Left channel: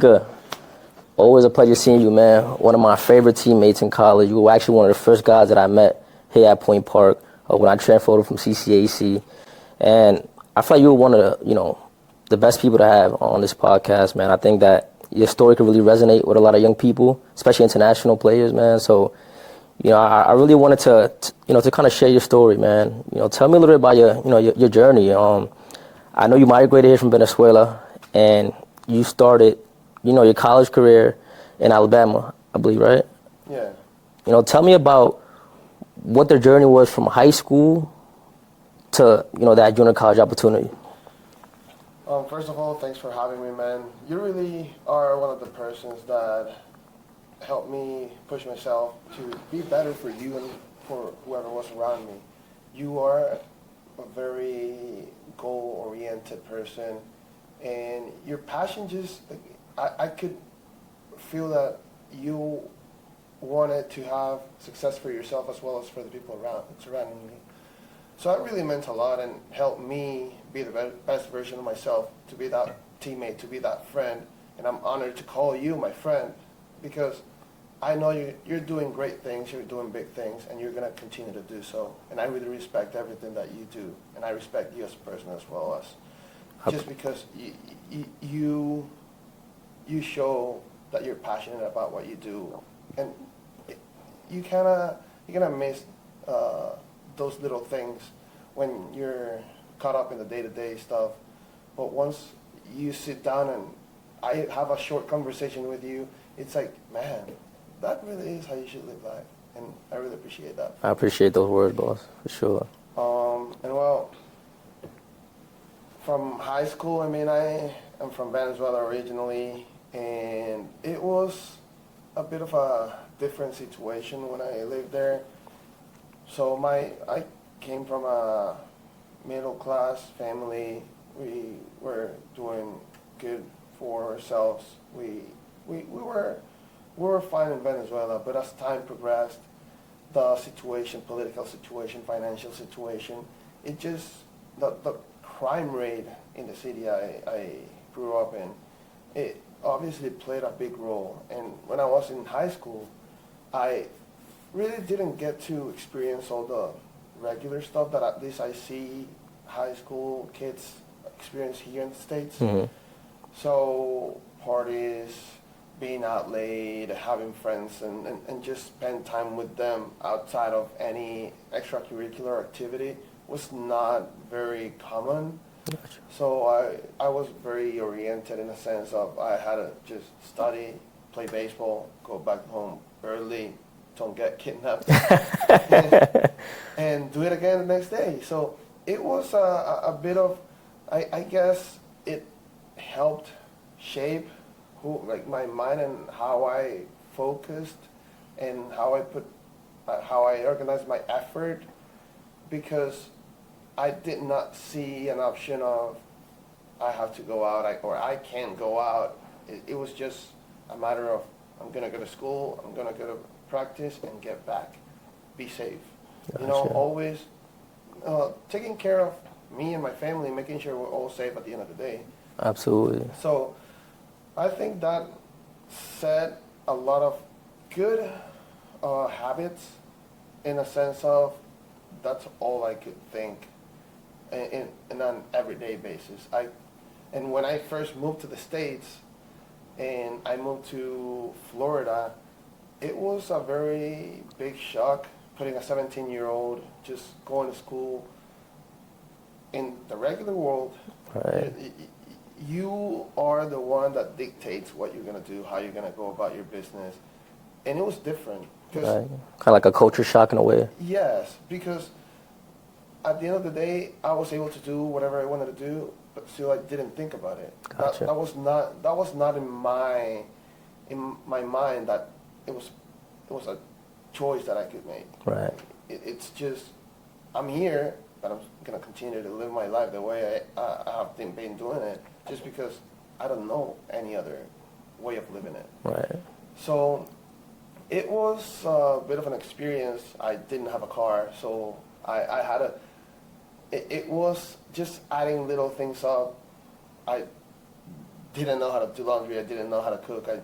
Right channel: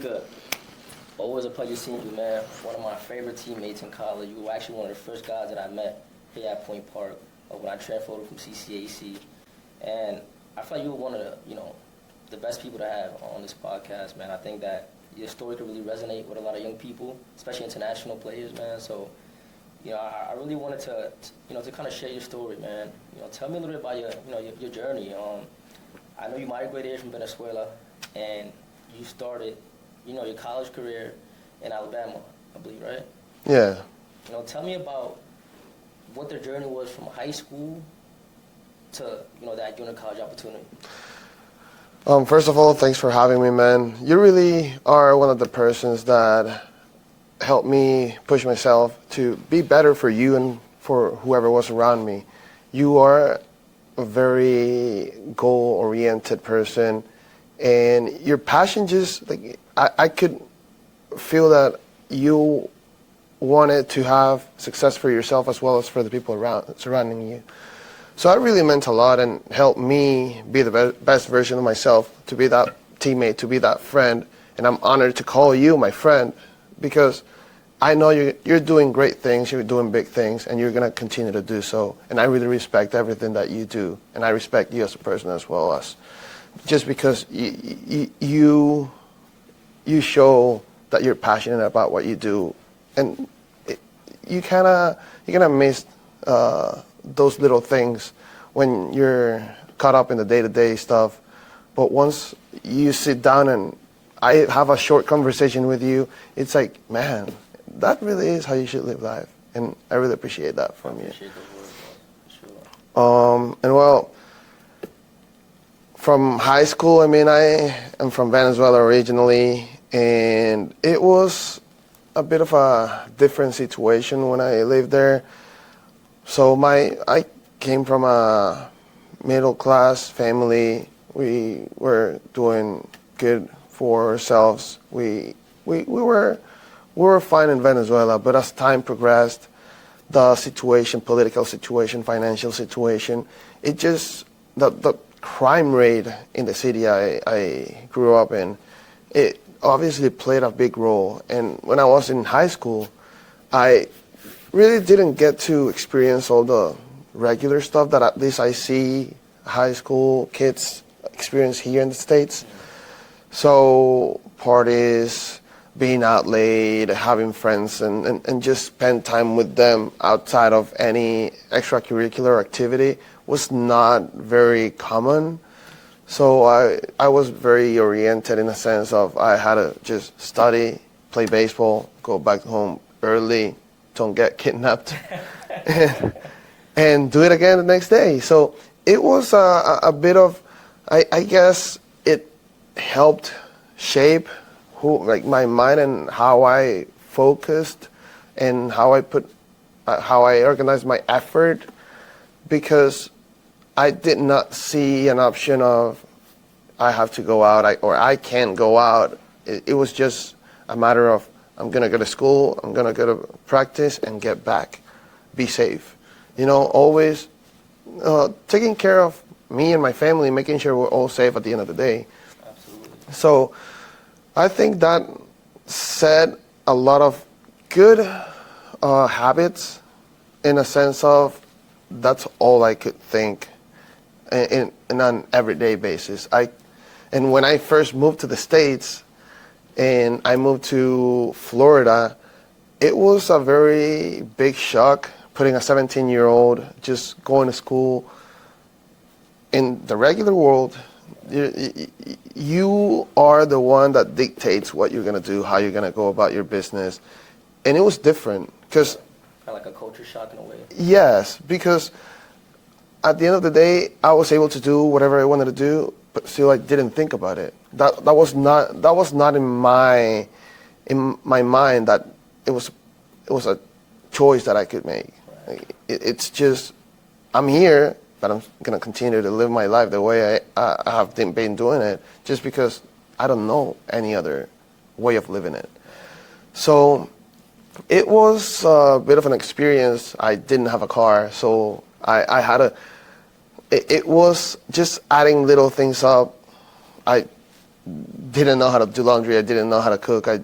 Mujica, always a pleasure seeing you, man. One of my favorite teammates in college. You were actually one of the first guys that I met here at Point Park when I transferred from CCAC. And I feel like you were one of the best people to have on this podcast, man. I think that your story could really resonate with a lot of young people, especially international players, man. So, I really wanted to kind of share your story, man. Tell me a little bit about your journey. I know you migrated here from Venezuela, and you started, your college career in Alabama, I believe, right? Yeah. Tell me about what the journey was from high school to, that junior college opportunity. First of all, thanks for having me, man. You really are one of the persons that helped me push myself to be better for you and for whoever was around me. You are a very goal-oriented person, and your passion just, I could feel that you wanted to have success for yourself as well as for the people surrounding you. So that really meant a lot and helped me be the best version of myself, to be that teammate, to be that friend. And I'm honored to call you my friend because I know you're doing great things, you're doing big things, and you're going to continue to do so. And I really respect everything that you do. And I respect you as a person as well as just because you show that you're passionate about what you do. And you kind of miss those little things when you're caught up in the day-to-day stuff. But once you sit down and I have a short conversation with you, it's like, man, that really is how you should live life. And I really appreciate that. I appreciate those words, boss, for sure. And well, from high school, I am from Venezuela originally, and it was a bit of a different situation when I lived there. So I came from a middle-class family. We were doing good for ourselves. We were fine in Venezuela, but as time progressed, the situation, political situation, financial situation, it just, the crime rate in the city I grew up in, it obviously played a big role. And when I was in high school, I really didn't get to experience all the regular stuff that at least I see high school kids experience here in the States. Mm-hmm. So parties, being out late, having friends, and just spend time with them outside of any extracurricular activity was not very common. So I was very oriented in the sense of I had to just study, play baseball, go back home early, don't get kidnapped, and do it again the next day. So it was a bit of, I guess it helped shape my mind and how I focused and how I organized my effort, because I did not see an option of I have to go out or I can't go out. It was just a matter of I'm going to go to school, I'm going to go to practice and get back, be safe. Always taking care of me and my family, making sure we're all safe at the end of the day. Absolutely. So I think that set a lot of good habits in a sense of that's all I could think in an everyday basis. And when I first moved to the States and I moved to Florida, it was a very big shock putting a 17-year-old just going to school in the regular world. Right. You are the one that dictates what you're going to do, how you're going to go about your business. And it was different because... Right. Kind of like a culture shock in a way. Yes, because at the end of the day, I was able to do whatever I wanted to do, but still I didn't think about it. Gotcha. That was not in my mind that it was a choice that I could make. Right. It's just, I'm here, but I'm going to continue to live my life the way I have been doing it, just because I don't know any other way of living it. Right. So it was a bit of an experience. I didn't have a car, so I had to, it was just adding little things up. I didn't know how to do laundry. I didn't know how to cook. I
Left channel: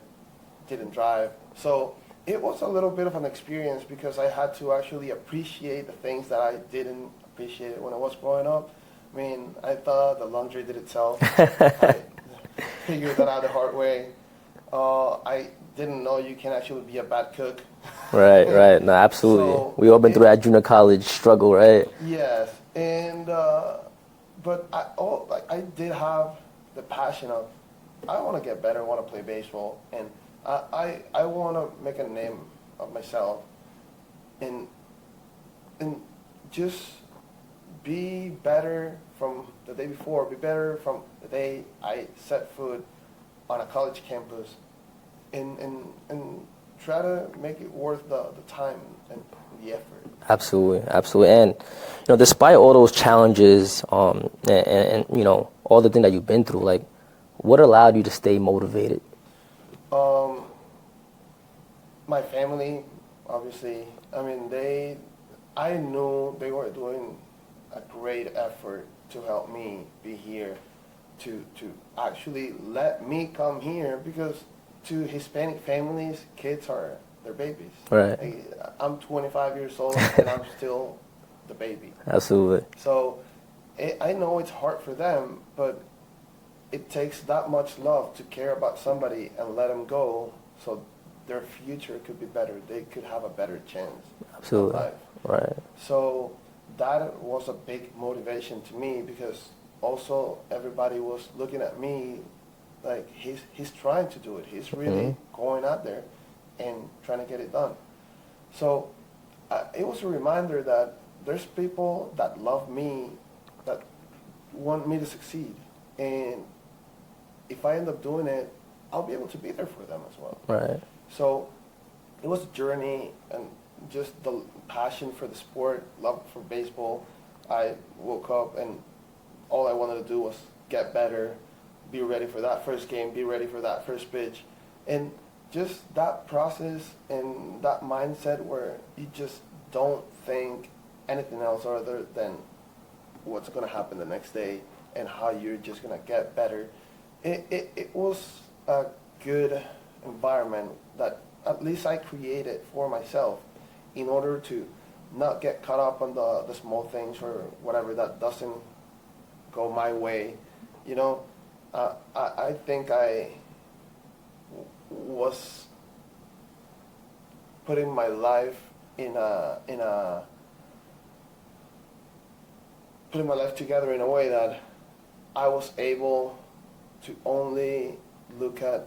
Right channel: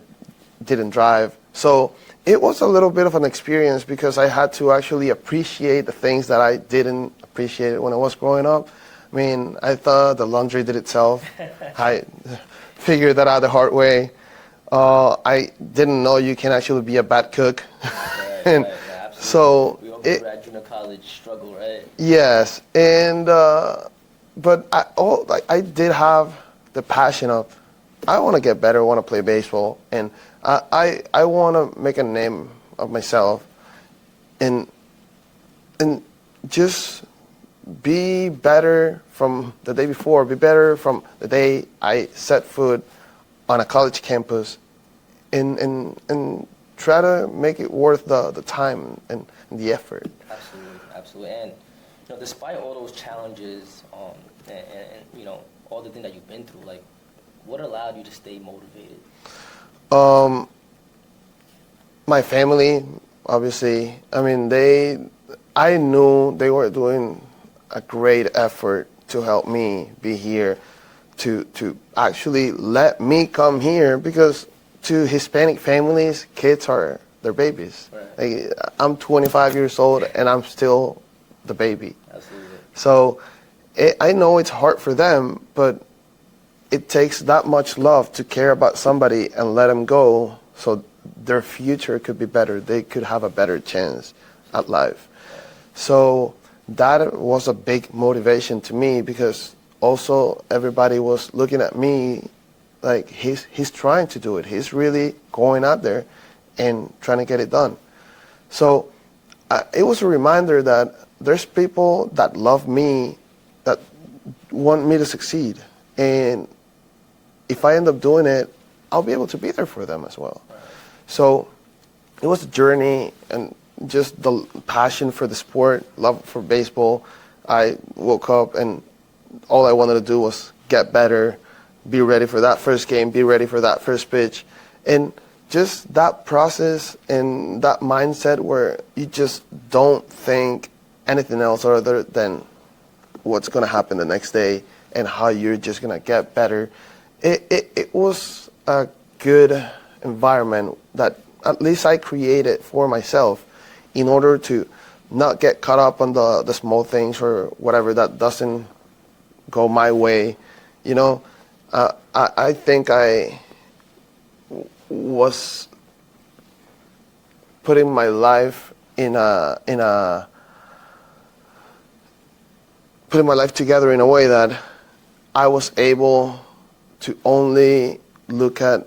didn't drive. So it was a little bit of an experience because I had to actually appreciate the things that I didn't appreciate when I was growing up. I mean, I thought the laundry did itself. I figured that out the hard way. I didn't know you can actually be a bad cook. Right, right. No, absolutely. So We all been through that junior college struggle, right? yes, and but I did have the passion of I want to get better. I want to play baseball, and I want to make a name of myself, and just be better from the day before. Be better from the day I set foot on a college campus, and try to make it worth the time and the effort. Absolutely, absolutely. And despite all those challenges, and all the things that you've been through, like, what allowed you to stay motivated? My family, obviously. I mean, I knew they were doing a great effort to help me be here, to actually let me come here, because to Hispanic families, kids are their babies. Right. Like, I'm 25 years old and I'm still the baby. Absolutely. So I know it's hard for them, but it takes that much love to care about somebody and let them go so their future could be better. They could have a better chance at life. Right. So that was a big motivation to me, because also everybody was looking at me like he's trying to do it. He's really going out there and trying to get it done. So it was a reminder that there's people that love me, that want me to succeed. And if I end up doing it, I'll be able to be there for them as well. Right. So it was a journey, and just the passion for the sport, love for baseball. I woke up and all I wanted to do was get better, be ready for that first game, be ready for that first pitch. And just that process and that mindset where you just don't think anything else other than what's going to happen the next day and how you're just going to get better. It was a good environment that at least I created for myself in order to not get caught up on the small things or whatever that doesn't go my way. I think I was putting my life putting my life together in a way that I was able to only look at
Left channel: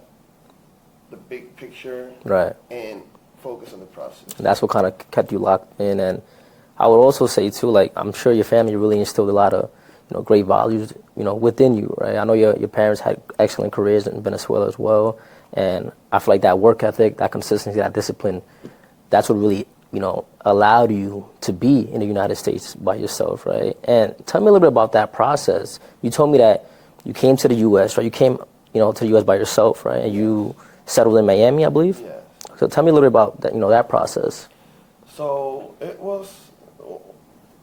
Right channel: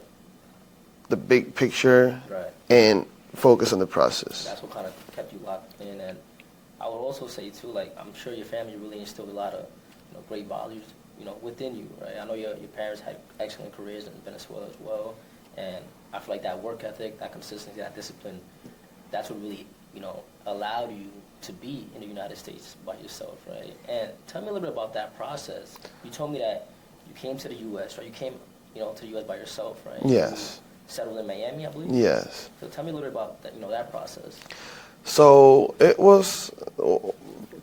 the big picture, Right. and focus on the process. That's what kind of kept you locked in. And I would also say too, like, I'm sure your family really instilled a lot of great values within you, right? I know your parents had excellent careers in Venezuela as well, and I feel like that work ethic, that consistency, that discipline, that's what really allowed you to be in the United States by yourself, right? And tell me a little bit about that process. You told me that you came to the U.S., right? You came to the U.S. by yourself, right? And Yes. you settled in Miami, I believe. Yes. So tell me a little bit about that, that process. So it was,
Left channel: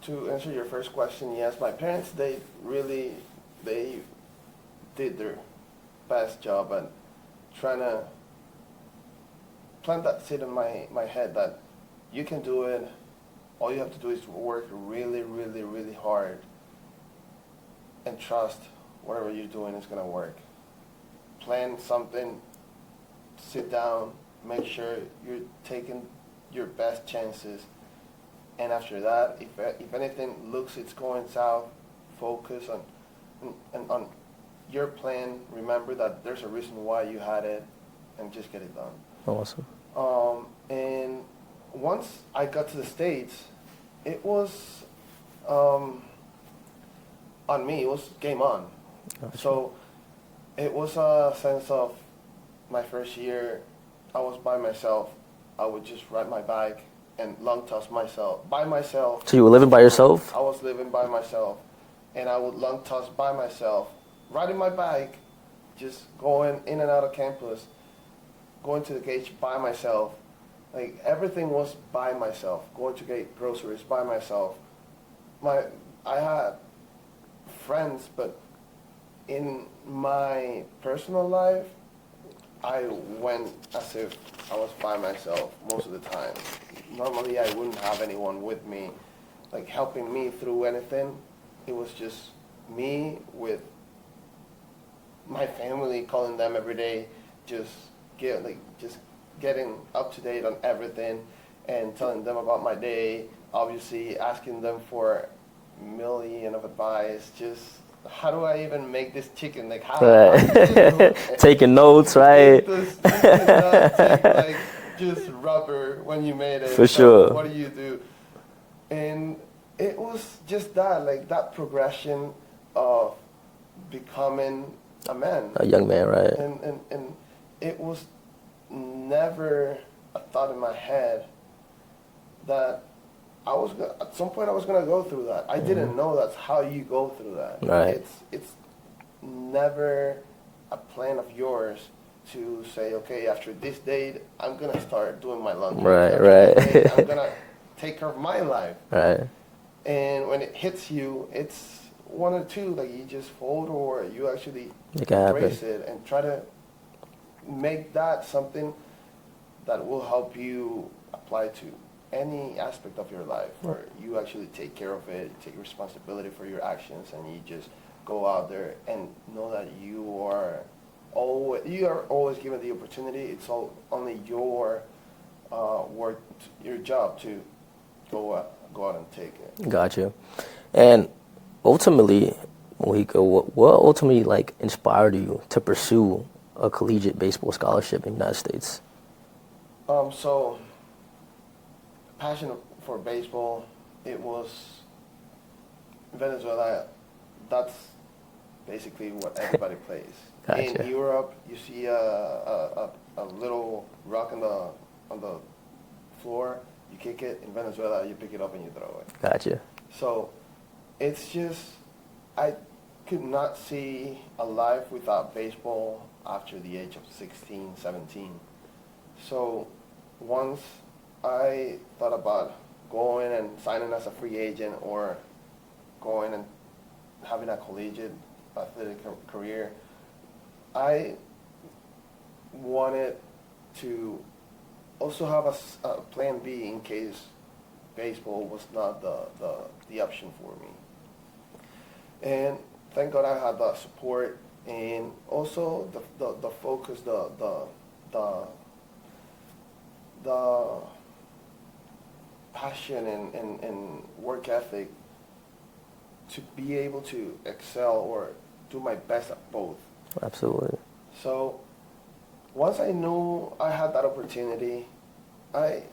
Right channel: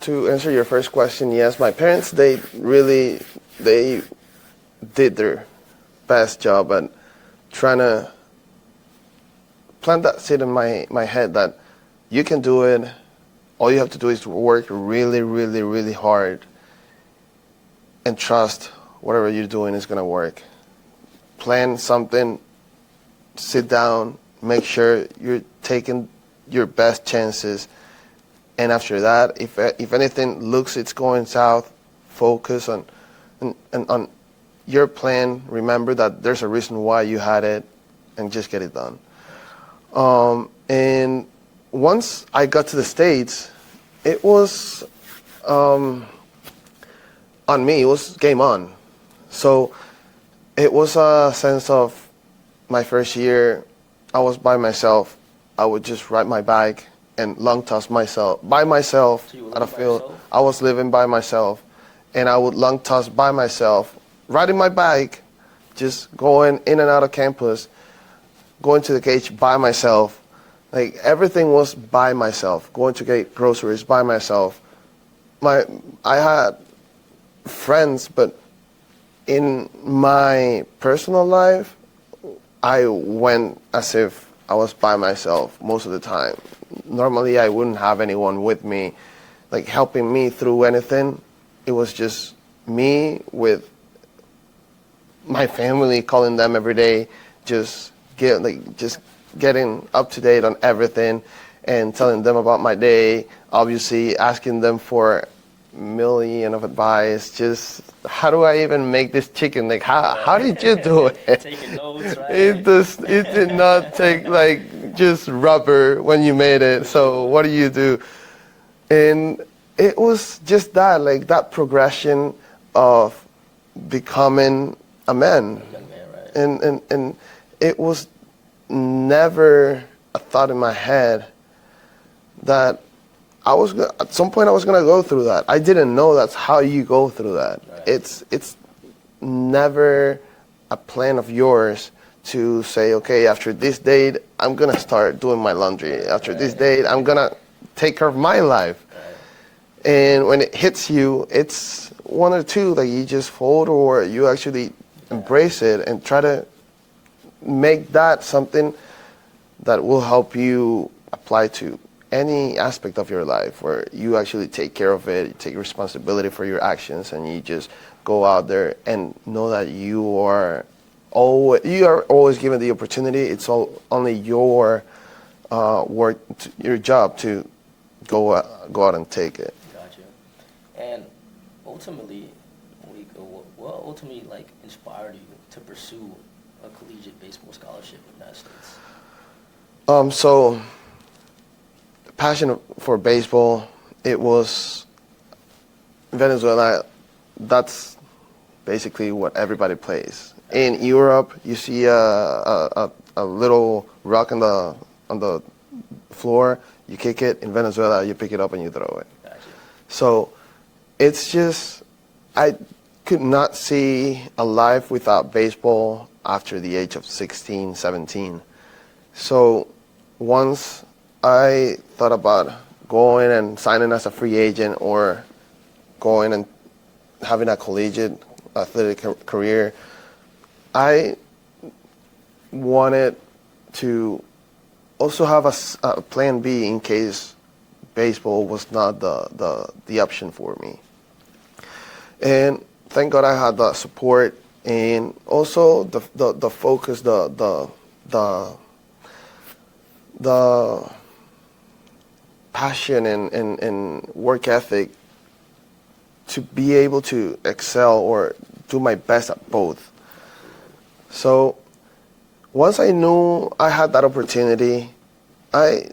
to answer your first question, yes, my parents, they did their best job at trying to plant that seed in my head that you can do it. All you have to do is work really, really, really hard and trust whatever you're doing is going to work. Plan something, sit down, make sure you're taking your best chances, and after that, if anything looks it's going south, focus on your plan. Remember that there's a reason why you had it, and just get it done. Awesome. And once I got to the States, it was on me. It was game on. So it was a sense of my first year, I was by myself. I would just ride my bike and long toss by myself. So you were living by yourself? I was living by myself, and I would long toss by myself, riding my bike, just going in and out of campus, going to the cage by myself. Like, everything was by myself. Going to get groceries by myself. I had friends, but in my personal life, I went as if I was by myself most of the time. Normally, I wouldn't have anyone with me, like helping me through anything. It was just me with my family, calling them every day, just getting up to date on everything, and telling them about my day. Obviously, asking them for million of advice. Just how do I even make this chicken? Like how did you do it? Taking notes, right? It did not take like just rubber when you made it. For So sure. what do you do? And it was just that, like that progression of becoming a man. A young man, right? And it was never a thought in my head that at some point I was gonna go through that. I didn't know that's how you go through that. Right. It's never a plan of yours to say, okay, after this date, I'm gonna start doing my laundry. Right, After this date, I'm gonna take care of my life. Right. And when it hits you, it's one or two, like you just fold or you actually embrace it and try to make that something that will help you apply to any aspect of your life, where you actually take care of it, you take responsibility for your actions, and you just go out there and know that you are always given the opportunity. It's only your work, your job to go out and take it. Got you. And ultimately, Mujica, what ultimately like inspired you to pursue a collegiate baseball scholarship in the United States? So passion for baseball, it was Venezuela. That's basically what everybody plays. Gotcha. In Europe, you see a little rock on the floor, you kick it. In Venezuela, you pick it up and you throw it. Gotcha. So it's just, I could not see a life without baseball after the age of 16, 17. So once I thought about going and signing as a free agent or going and having a collegiate athletic career, I wanted to also have a plan B in case baseball was not the option for me. And thank God I had the support and also the focus, the passion and work ethic to be able to excel or do my best at both. Absolutely. So once I knew I had that opportunity, I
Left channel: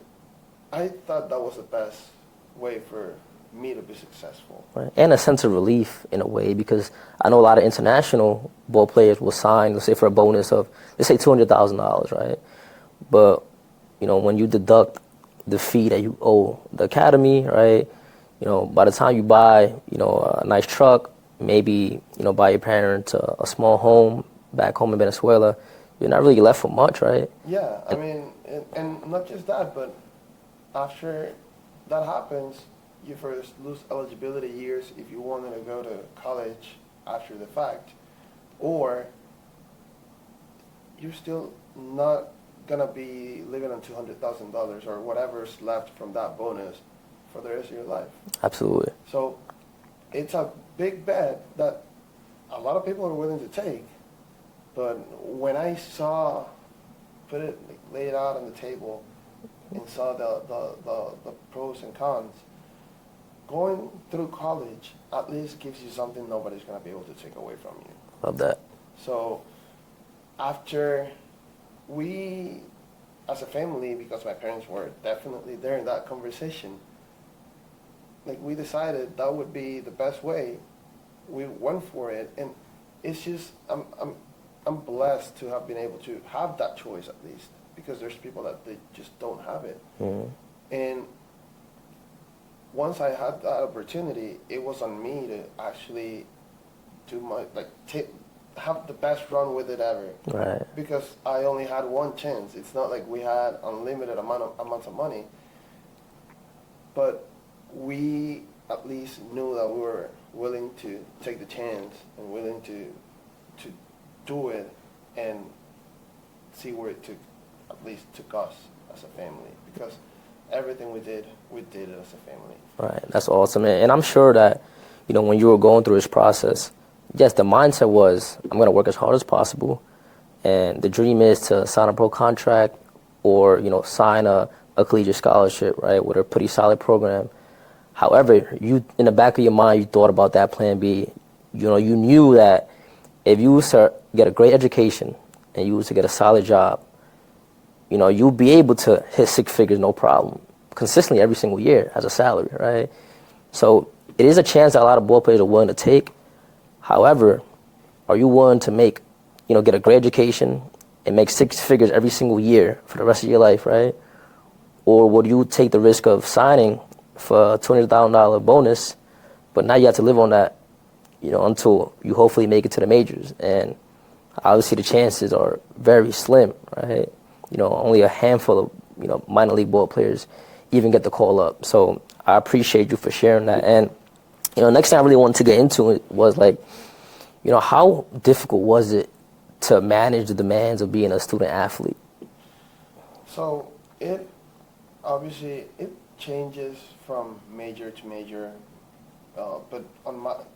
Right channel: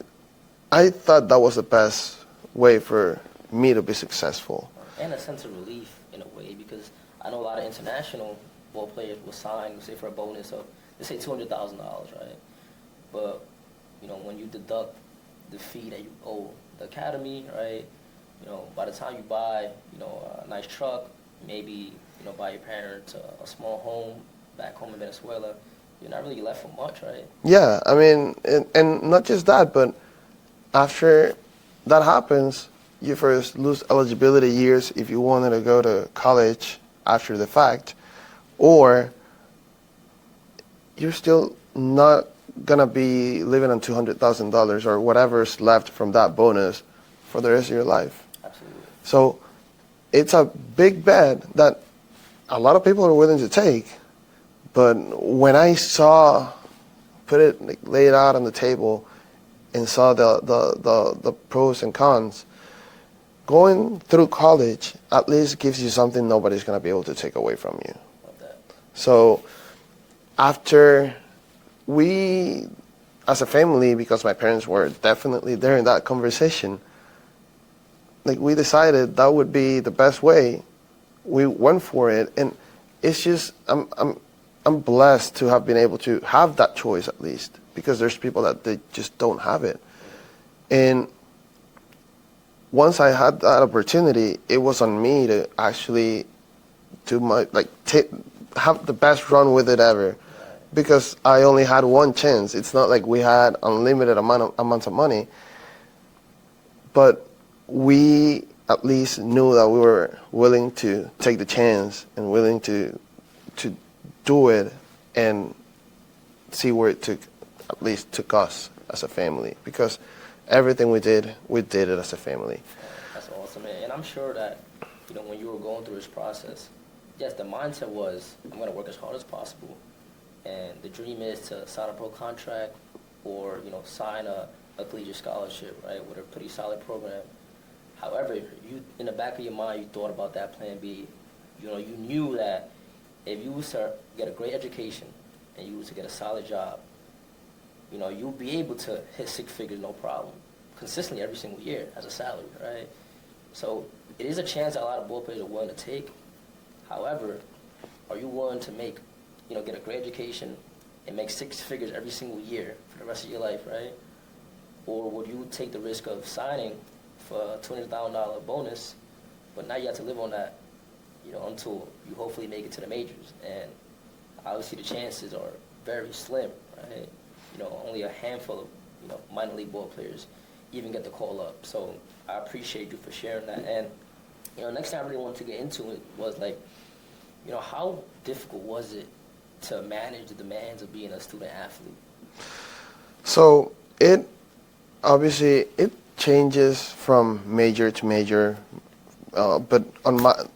thought that was the best way for me to be successful. Right. And a sense of relief in a way, because I know a lot of international ball players will sign, let's say for a bonus of, let's say $200,000, right? But, you know, when you deduct the fee that you owe the academy, right? You know, by the time you buy, you know, a nice truck, maybe, you know, buy your parents a small home back home in Venezuela, you're not really left with much, right? Yeah, I mean, and not just that, but after that happens, you first lose eligibility years if you wanted to go to college after the fact, or you're still not gonna be living on $200,000 or whatever's left from that bonus for the rest of your life. Absolutely. So it's a big bet that a lot of people are willing to take, but when I put it, like, lay it out on the table and saw the pros and cons, going through college at least gives you something nobody's gonna be able to take away from you. Love that. So after we, as a family, because my parents were definitely there in that conversation, like, we decided that would be the best way. We went for it, and it's just I'm blessed to have been able to have that choice at least, because there's people that they just don't have it. Mm-hmm. And once I had that opportunity, it was on me to actually do have the best run with it ever. Right. Because I only had one chance. It's not like we had unlimited amounts of money, but we at least knew that we were willing to take the chance and willing to to do it and see where it took, at least took us as a family, because everything we did it as a family. Right. That's awesome. And I'm sure that, when you were going through this process, yes, the mindset was, I'm going to work as hard as possible. And the dream is to sign a pro contract or, sign a collegiate scholarship, right, with a pretty solid program. However, you, in the back of your mind, you thought about that plan B. You knew that if you was to get a great education and you was to get a solid job, you'll be able to hit six figures, no problem, consistently every single year as a salary, right? So it is a chance that a lot of ball players are willing to take. However, are you willing to get a great education and make six figures every single year for the rest of your life, right? Or would you take the risk of signing for a $200,000 bonus, but now you have to live on that, until you hopefully make it to the majors? And obviously the chances are very slim, right? Only a handful of, minor league ball players even get the call up. So I appreciate you for sharing that. And, next thing I really wanted to get into it was how difficult was it to manage the demands of being a student athlete? So it changes from major to major, but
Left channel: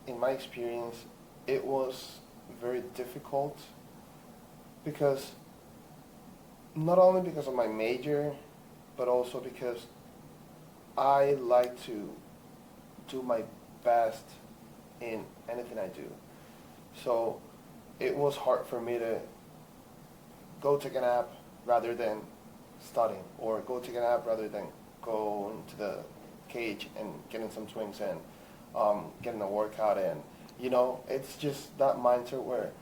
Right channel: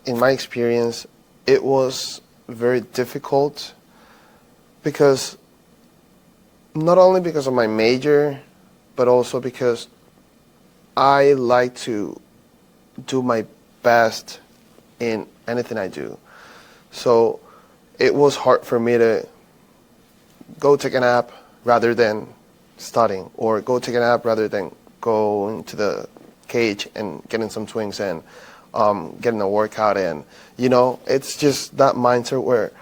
in my experience, it was very difficult because not only because of my major, but also because I like to do my best in anything I do. So it was hard for me to go take a nap rather than studying, or go take a nap rather than go into the cage and getting some swings and getting a workout in. It's just that mindset where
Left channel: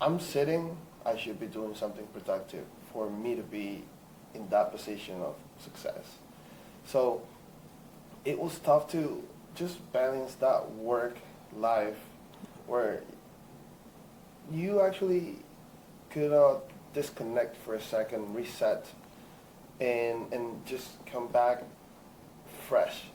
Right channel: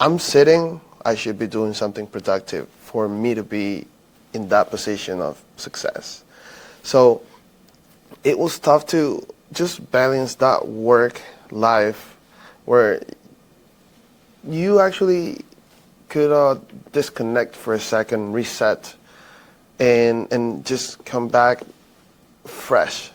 I'm sitting, I should be doing something productive for me to be in that position of success. So it was tough to just balance that work life where you actually could disconnect for a second, reset, and just come back fresh,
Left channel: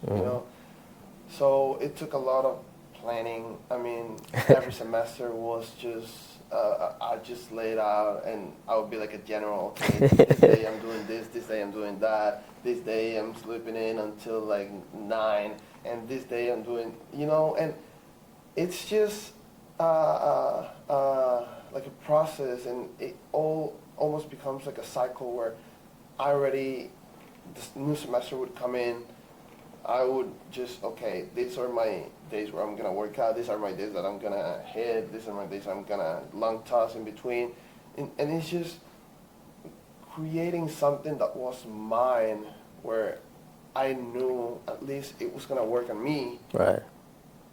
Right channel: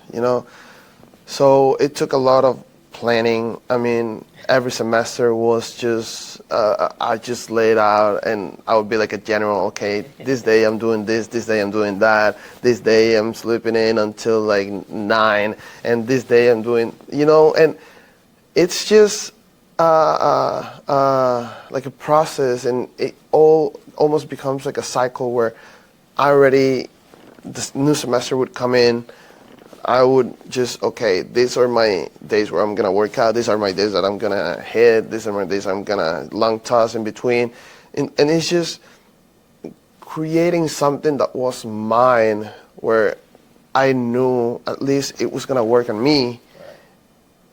So it took a lot of planning. I mean, every semester was just, I just laid out, and I would be like a general, okay, this day I'm doing this day I'm doing that, this day I'm sleeping in until like 9, and this day I'm doing, and it's just like a process, and it all almost becomes like a cycle where this new semester would come in, I would just, okay, these are my days where I'm going to work out, these are my days that I'm going to hit, these are my days I'm going to long toss in between. And it's just creating something that was mine, where I knew at least it was going to work on me. Right.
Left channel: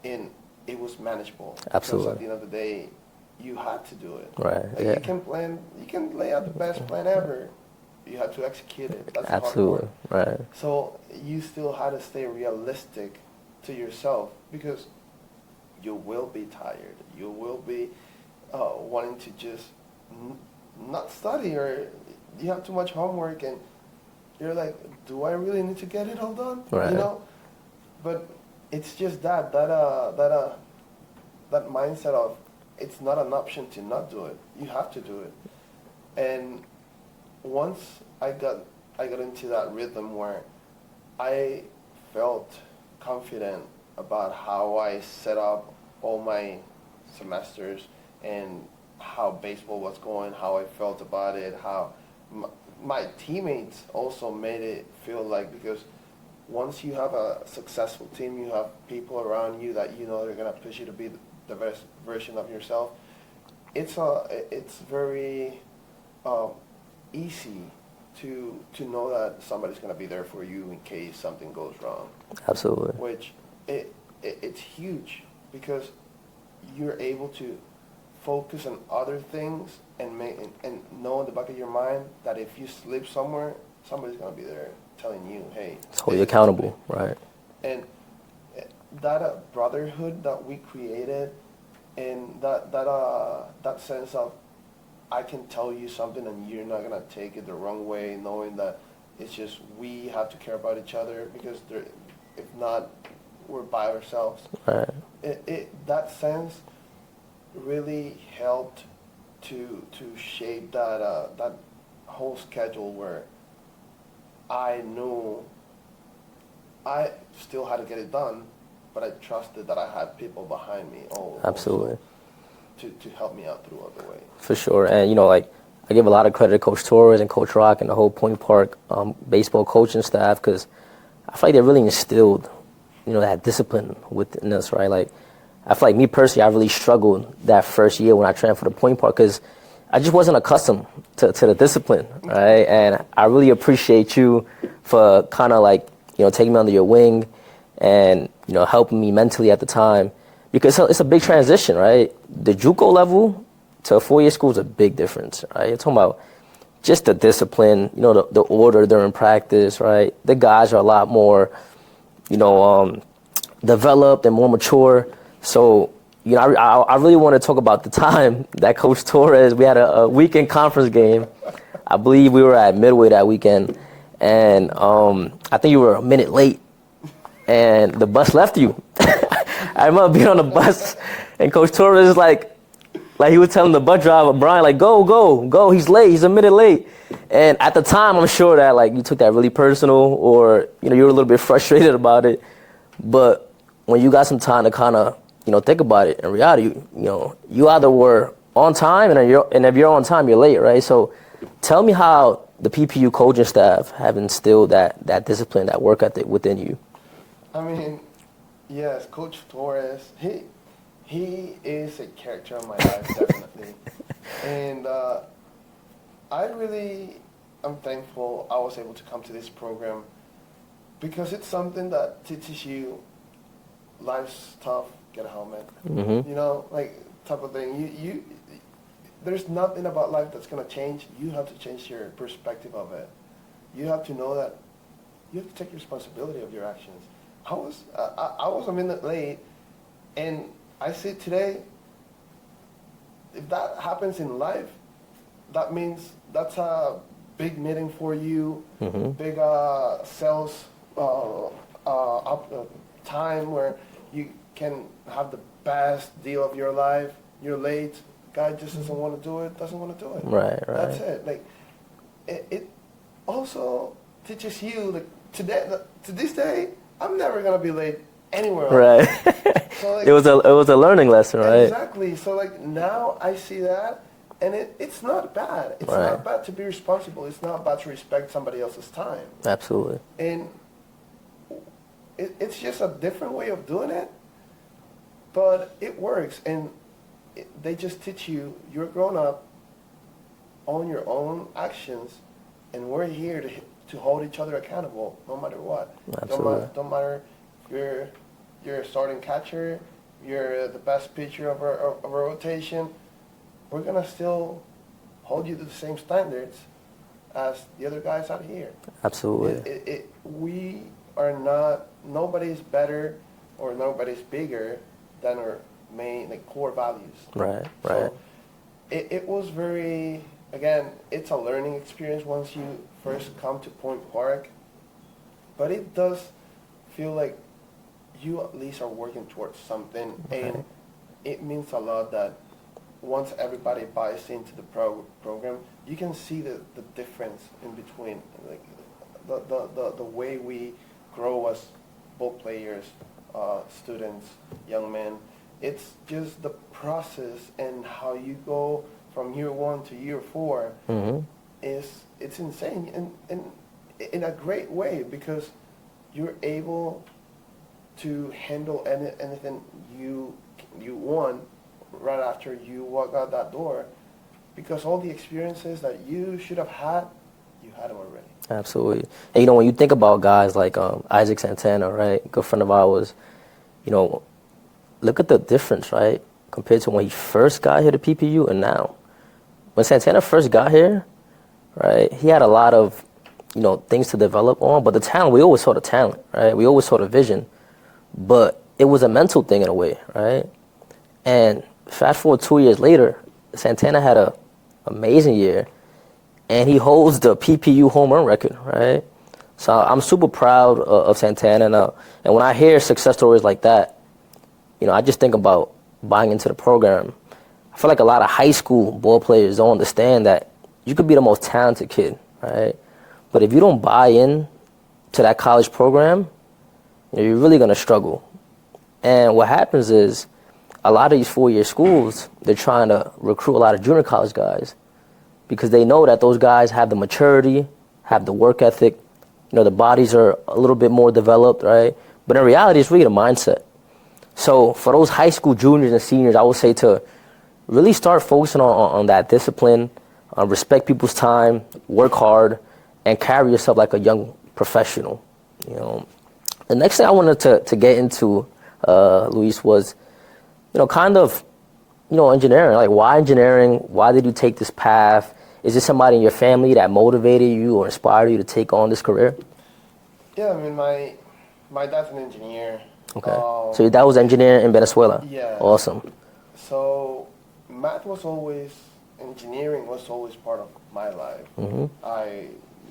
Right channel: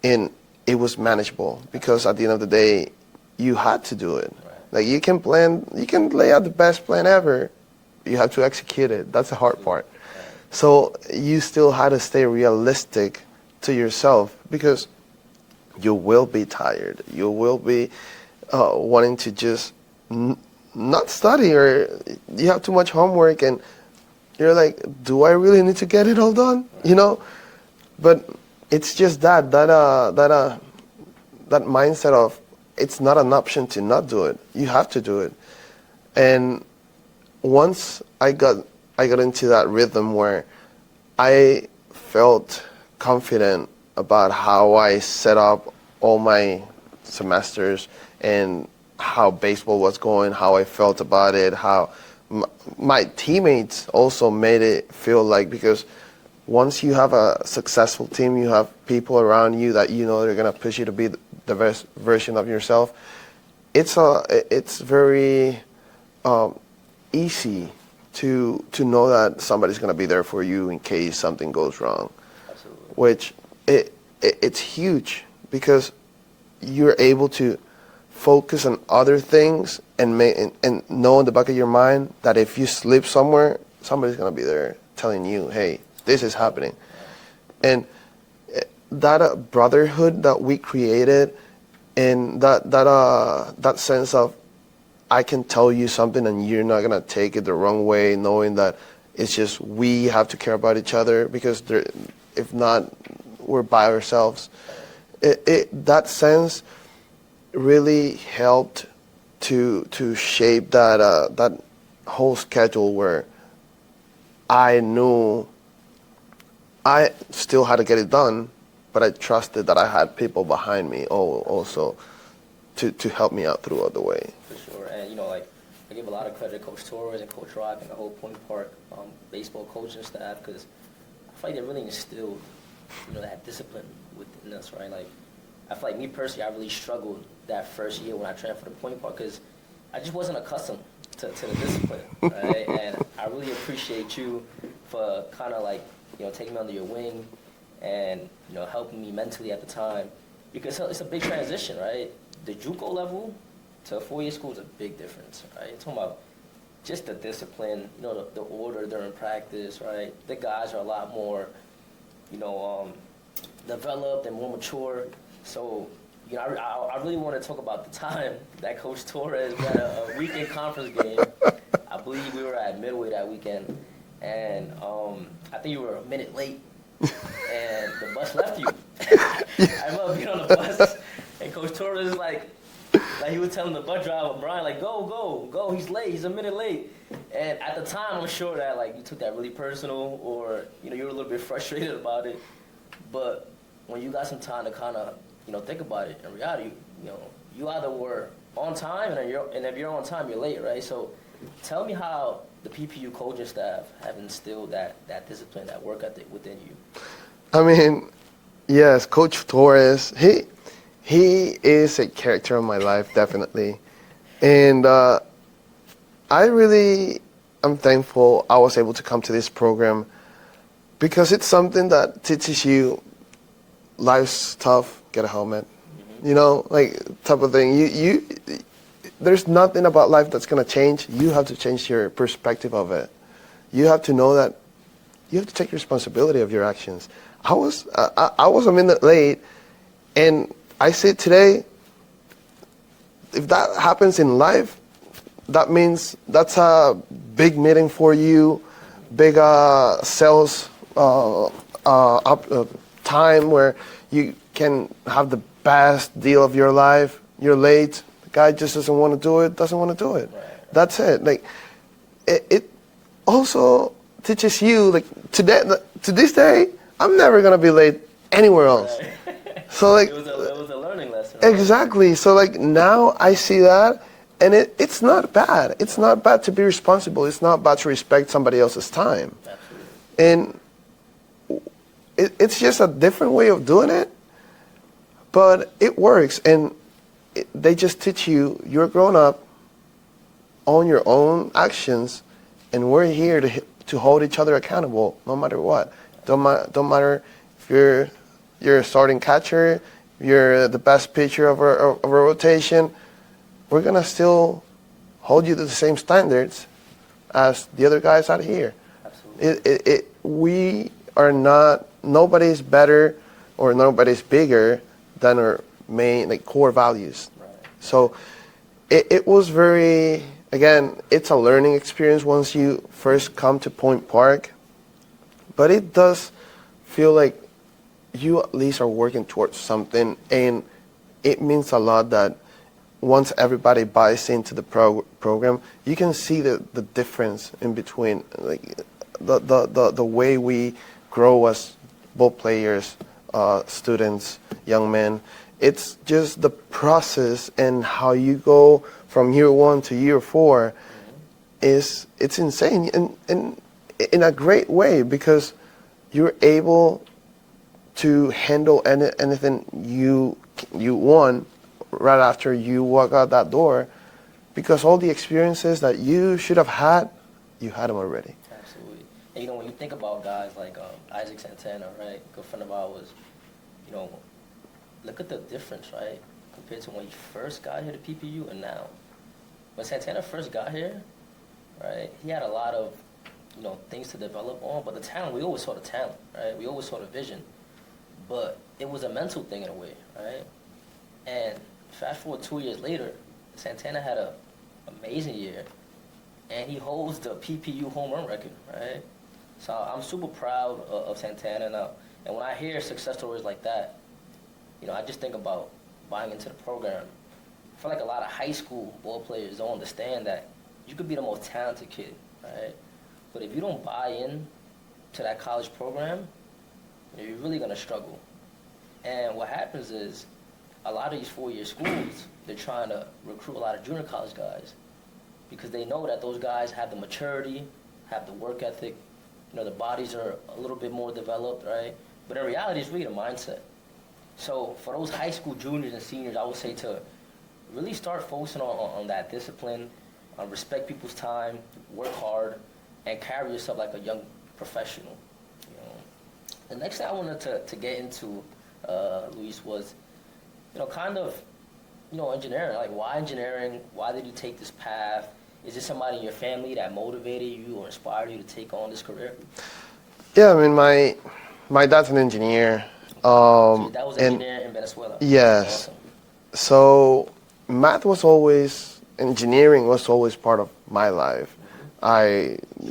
And it was manageable. Absolutely. Because at the end of the day, you had to do it. Right. Like, you can lay out the best plan ever. You have to execute it. That's the hard part. Right. So you still had to stay realistic to yourself, because you will be tired. You will be wanting to just not study, or you have too much homework, and you're like, do I really need to get it all done? Right. But it's just that mindset of, it's not an option to not do it. You have to do it. And once I got into that rhythm where I felt confident about how I set up all my semesters and how baseball was going, how I felt about it, how my teammates also made it feel like, because once you have a successful team, you have people around you that they're going to push you to be the best version of yourself. It's very easy to know that somebody's going to be there for you in case something goes wrong. Absolutely. Which it's huge, because you're able to focus on other things and know in the back of your mind that if you slip somewhere, somebody's going to be there telling you, hey, this is happening. Right. And that brotherhood that we created, and that sense of, I can tell you something and you're not going to take it the wrong way, knowing that it's just we have to care about each other, because if not, we're by ourselves. Right. That sense really helped to shape that whole schedule where I knew I still had to get it done, but I trusted that I had people behind me also to help me out throughout the way. For sure. And, you know, like, I give a lot of credit to Coach Torres and Coach Rock and the whole Point Park baseball coaching staff, because I feel like they really instilled, you know, that discipline within us, right? Like, I feel like me personally, I really struggled that first year when I transferred to Point Park because I just wasn't accustomed to the discipline, right? And I really appreciate you for kind of like, you know, taking me under your wing and, you know, helping me mentally at the time, because it's a big transition, right? The JUCO level to a four-year school is a big difference, right? You're talking about just the discipline, you know, the order during practice, right? The guys are a lot more, you know, developed and more mature. So, you know, I really want to talk about the time that Coach Torres, we had a weekend conference game. I believe we were at Midway that weekend, and I think you were a minute late, and the bus left you. I remember being on the bus, and Coach Torres is like he was telling the bus driver, Brian, like, go, he's late, he's a minute late. And at the time, I'm sure that, like, you took that really personal, or, you know, you were a little bit frustrated about it. But when you got some time to kind of, you know, think about it, in reality, you know, you either were on time, and if you're on time, you're late, right? So tell me how the PPU coaching staff have instilled that discipline, that work ethic within you. I mean, yes, Coach Torres, he is a character in my life, definitely. And I really am thankful I was able to come to this program, because it's something that teaches you life's tough, get a helmet, you know, like, type of thing. You there's nothing about life that's going to change. You have to change your perspective of it. You have to know that you have to take responsibility of your actions. I was a minute late, and I say today, if that happens in life, that means that's a big meeting for you, big sales time where you can have the best deal of your life. You're late. The guy just doesn't want to do it. Right. That's it. Like, it also teaches you, like, to this day, I'm never gonna be late anywhere else. Right. So, like, it was a learning lesson, right? Exactly. So, like, now I see that, and it's not bad. It's not bad to be responsible. It's not bad to respect somebody else's time. Absolutely. And it's just a different way of doing it, but it works. And they just teach you, you're grown up, own your own actions, and we're here to hold each other accountable no matter what. Don't matter if you're a starting catcher, you're the best pitcher of a rotation, we're going to still hold you to the same standards as the other guys out here. Absolutely. We are not, nobody's better or nobody's bigger than our main, like, core values. Right. So it was very, again, it's a learning experience once you first come to Point Park, but it does feel like you at least are working towards something, and it means a lot that once everybody buys into the program, you can see the difference in between, like, the way we grow as ball players, students, young men. It's just the process and how you go from year 1 to year 4 it's insane, and in a great way, because you're able to handle anything you want right after you walk out that door, because all the experiences that you should have had, you had them already. Absolutely. And, you know, when you think about guys like Isaac Santana, right, good friend of ours, you know, look at the difference, right, compared to when he first got here to PPU and now. When Santana first got here, right, he had a lot of, you know, things to develop on, but the talent, we always saw the talent, right? We always saw the vision, but it was a mental thing in a way, right? And fast forward 2 years later, Santana had an amazing year, and he holds the PPU home run record, right? So I'm super proud of Santana, and when I hear success stories like that, you know, I just think about buying into the program. I feel like a lot of high school ball players don't understand that you could be the most talented kid, right? But if you don't buy in to that college program, you're really going to struggle. And what happens is a lot of these four-year schools, they're trying to recruit a lot of junior college guys because they know that those guys have the maturity, have the work ethic, the bodies are a little bit more developed, right? But in reality, it's really the mindset. So for those high school juniors and seniors, I would say to really start focusing on that discipline, respect people's time, work hard, and carry yourself like a young professional. The next thing I wanted to get into, Luis, was, kind of, engineering. Like, why engineering? Why did you take this path? Is there somebody in your family that motivated you or inspired you to take on this career? Yeah, I mean, my dad's an engineer. Okay. So your dad was an engineer in Venezuela? Yes. Awesome. So engineering was always part of my life.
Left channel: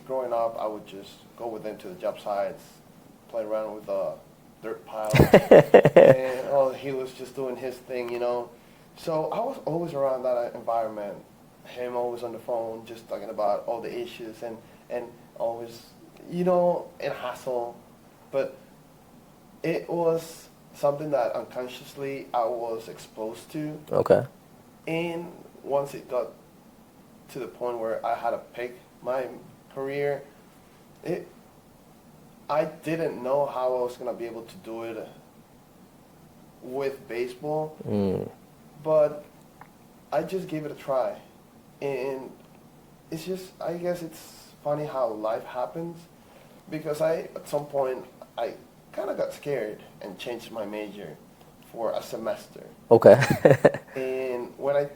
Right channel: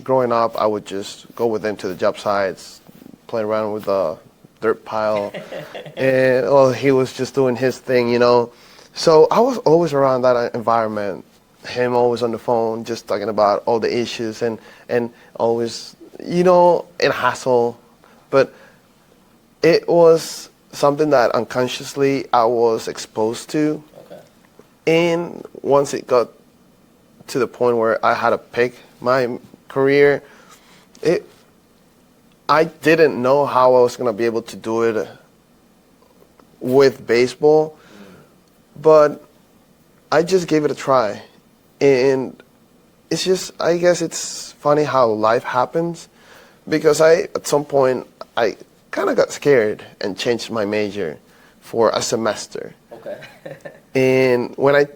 Growing up, I would just go with him to the job sites, play around with the dirt pile, and he was just doing his thing, So I was always around that environment. Him always on the phone, just talking about all the issues and always, in hassle. But it was something that unconsciously I was exposed to. Okay. And once it got to the point where I had to pick my career, I didn't know how I was going to be able to do it with baseball, but I just gave it a try. And it's just, I guess it's funny how life happens, because at some point, I kind of got scared and changed my major for a semester. Okay. And when I